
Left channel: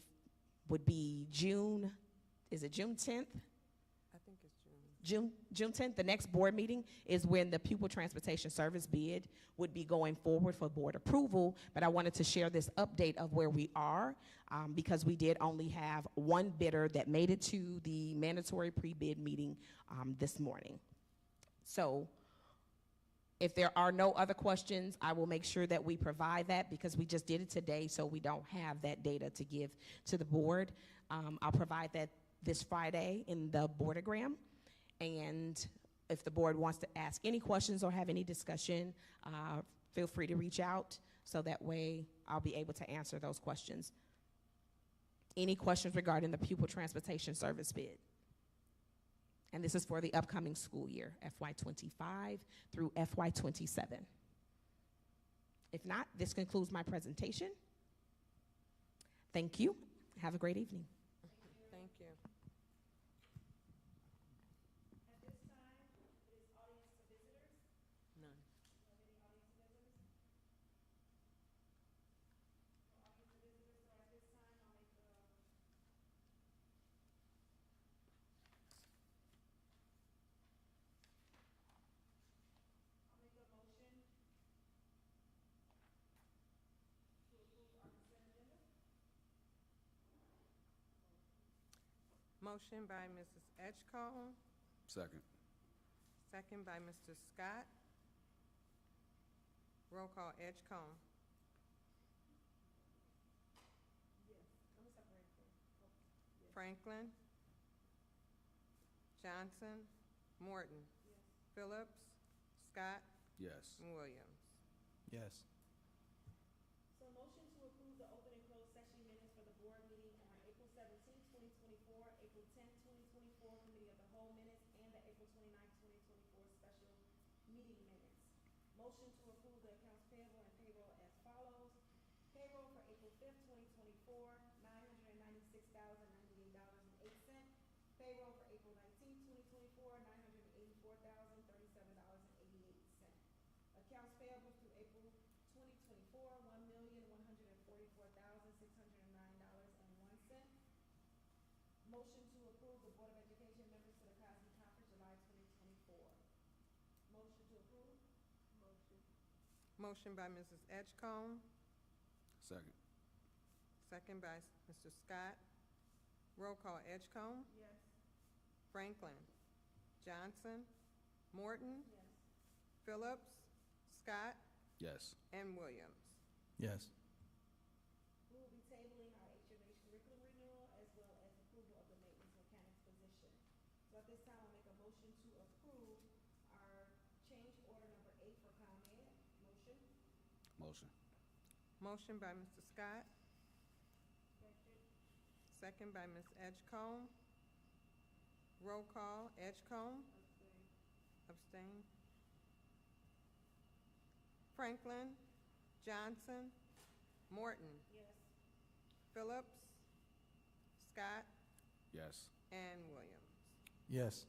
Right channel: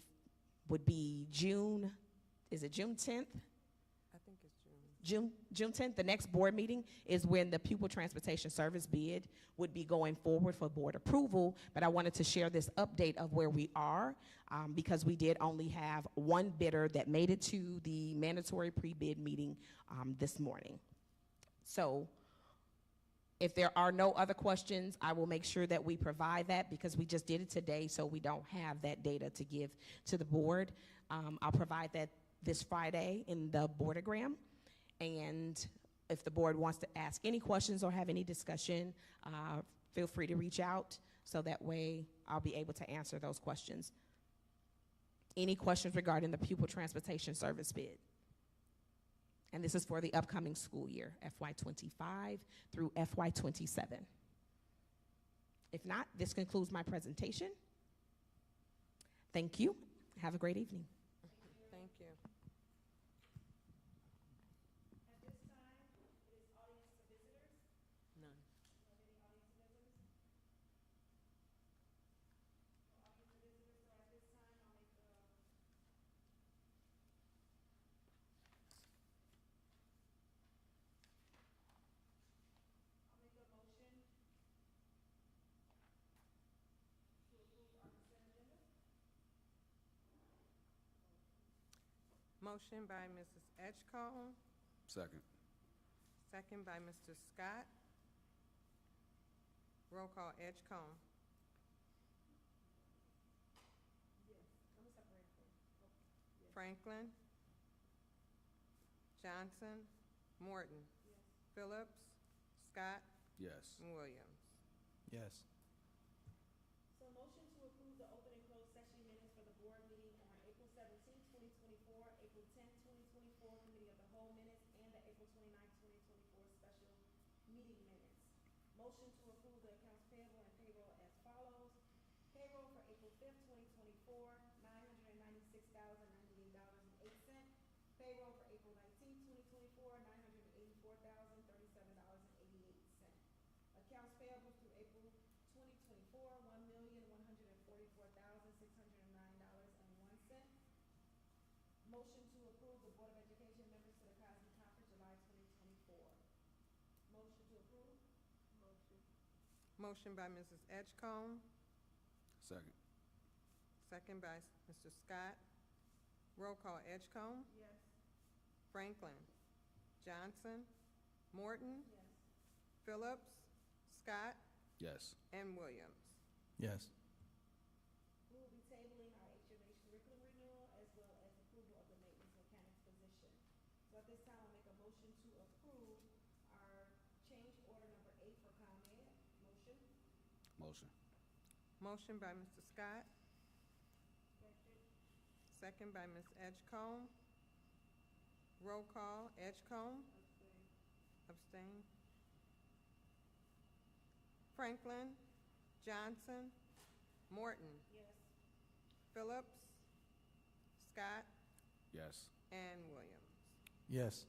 would be June 10th? I think it's June. June 10th, the next board meeting is when the pupil transportation service bid would be going forward for board approval. But I wanted to share this update of where we are because we did only have one bidder that made it to the mandatory pre-bid meeting this morning. So If there are no other questions, I will make sure that we provide that because we just did it today, so we don't have that data to give to the board. I'll provide that this Friday in the boardogram. And if the board wants to ask any questions or have any discussion, feel free to reach out so that way I'll be able to answer those questions. Any questions regarding the pupil transportation service bid? And this is for the upcoming school year, FY25 through FY27. If not, this concludes my presentation. Thank you. Have a great evening. Thank you. None. Motion by Mrs. Edgecombe, Second. second by Mr. Scott. Roll call, Edgecombe. Franklin. Johnson. Morton. Phillips. Scott. Yes. And Williams. Yes. So motion to approve the open and closed session minutes for the board meeting on April 17th, 2024, April 10th, 2024, committee of the whole minutes, and the April 29th, 2024 special meeting minutes. Motion to approve the accounts payable and payroll as follows. Payroll for April 5th, 2024, $996,098.08. Payroll for April 19th, 2024, $984,037.88. Accounts payable through April 2024, $1,144,609.01. Motion to approve the Board of Education members to the Cosby Conference, July 2024. Motion to approve. Motion by Mrs. Edgecombe, Second. second by Mr. Scott. Roll call, Edgecombe. Yes. Franklin. Johnson. Morton. Yes. Phillips. Scott. Yes. And Williams. Yes. We will be tabling our HMH curriculum renewal as well as approval of the maintenance mechanics position. So at this time, I'll make a motion to approve our change order number 8 for ComEd. Motion. Motion. Motion by Mr. Scott, second by Ms. Edgecombe. Roll call, Edgecombe. Abstain. Franklin. Johnson. Morton. Yes. Phillips. Scott. Yes. And Williams. Yes.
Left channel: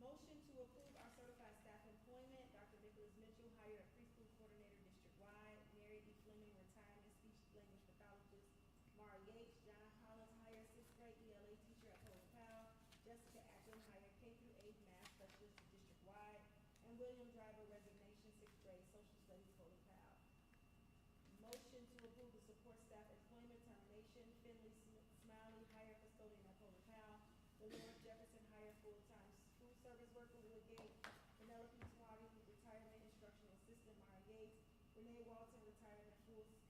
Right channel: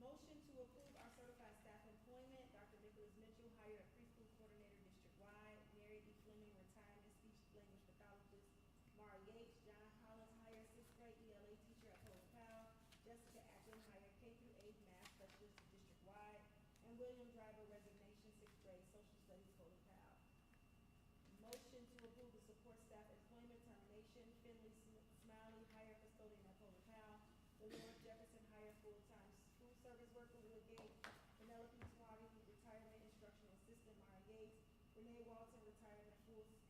Motion to approve our certified staff employment. Dr. Nicholas Mitchell, hired a preschool coordinator district-wide. Mary E. Fleming, retirement speech language pathologist. Mara Yates. John Collins, hired sixth grade ELA teacher at Holy Powell. Jessica Akron, hired K through 8 math specialist district-wide. And William Driver, resignation, sixth grade social studies, Holy Powell. Motion to approve the support staff employment termination. Finley Smiley, hired custodian at Holy Powell. Dolores Jefferson, hired full-time food service worker, Woodgate. Penelope Swaby, retirement instruction assistant, Mara Yates. Renee Walton, retirement full-time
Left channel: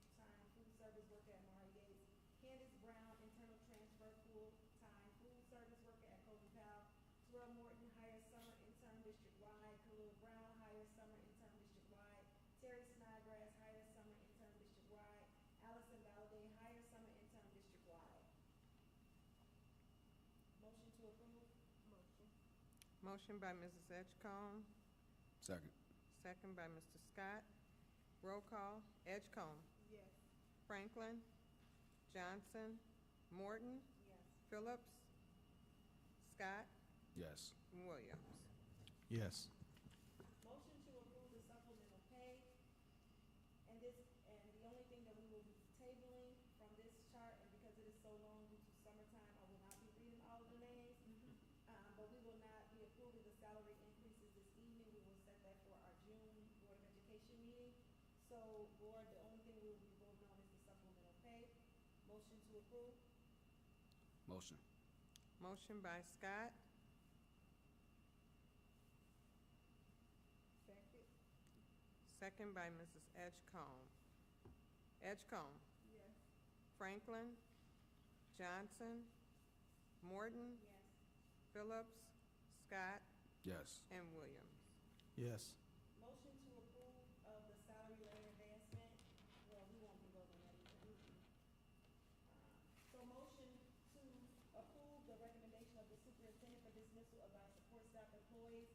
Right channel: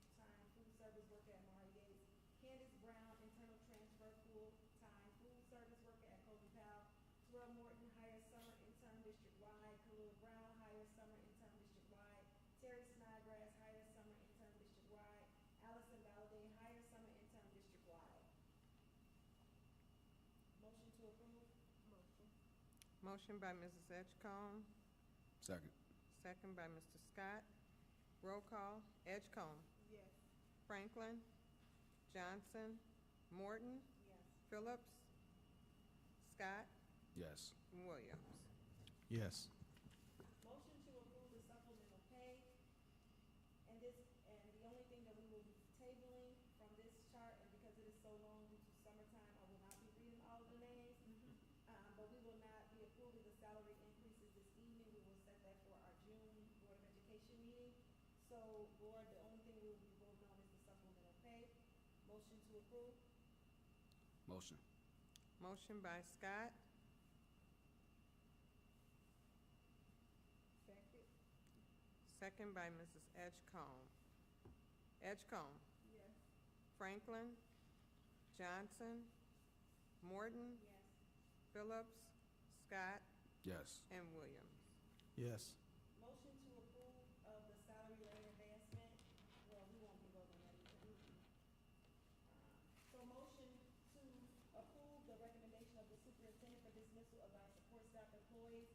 food service worker at Mara Yates. Candace Brown, internal transfer, full-time food service worker at Holy Powell. Terrell Morton, hired summer intern district-wide. Khalil Brown, hired summer intern district-wide. Terry Snodgrass, hired summer intern district-wide. Allison Valladay, hired summer intern district-wide. Motion to approve. Motion by Mrs. Edgecombe, Second. second by Mr. Scott. Roll call, Edgecombe. Yes. Franklin. Johnson. Morton. Yes. Phillips. Scott. Yes. And Williams. Yes. Motion to approve the supplemental pay. And the only thing that we will be tabling from this chart, and because it is so long due to summertime, I will not be reading all of the names. But we will not be approving the salary increases this evening. We will set that for our June Board of Education meeting. So, Board, the only thing we will be voting on is the supplemental pay. Motion to approve. Motion. Motion by Scott, second by Mrs. Edgecombe. Edgecombe. Yes. Franklin. Johnson. Morton. Phillips. Scott. Yes. And Williams. Yes. Motion to approve of the salary rate advancement, well, we won't be voting on that either. So motion to approve the recommendation of the superintendent for dismissal of our support staff employees.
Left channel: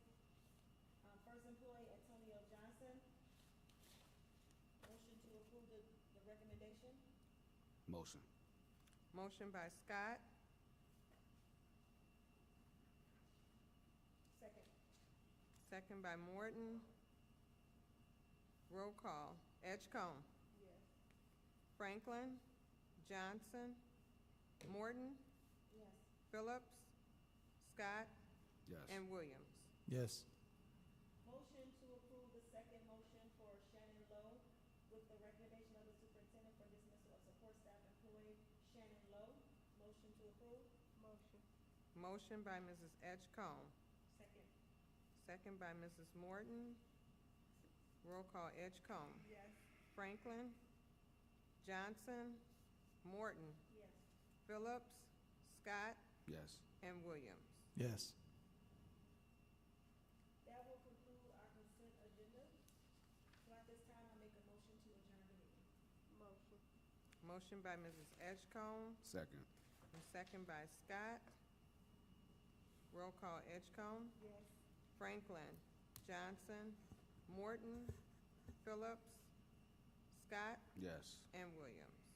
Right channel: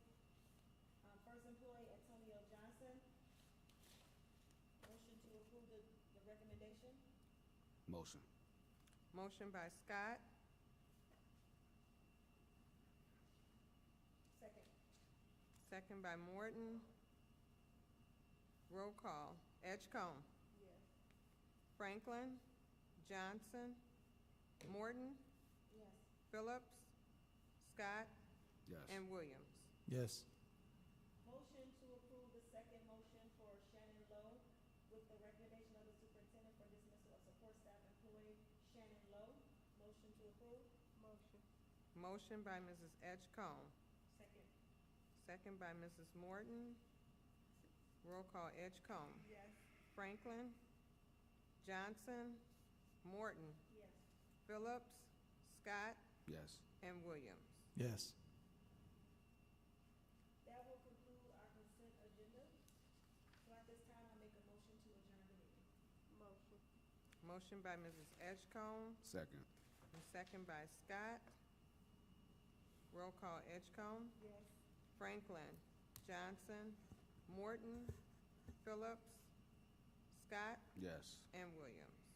First employee, Antonio Johnson. Motion to approve the recommendation. Motion. Motion by Scott, Second. second by Morton. Roll call. Edgecombe. Yes. Franklin. Johnson. Morton. Yes. Phillips. Scott. Yes. And Williams. Yes. Motion to approve the second motion for Shannon Lowe with the recommendation of the superintendent for dismissal of support staff employee Shannon Lowe. Motion to approve. Motion. Motion by Mrs. Edgecombe, Second. second by Mrs. Morton. Roll call. Edgecombe. Yes. Franklin. Johnson. Morton. Yes. Phillips. Scott. Yes. And Williams. Yes. That will conclude our consent agenda. So at this time, I make a motion to adjourn the meeting. Motion. Motion by Mrs. Edgecombe Second. and second by Scott. Roll call. Edgecombe. Yes. Franklin. Johnson. Morton. Phillips. Scott. Yes. And Williams.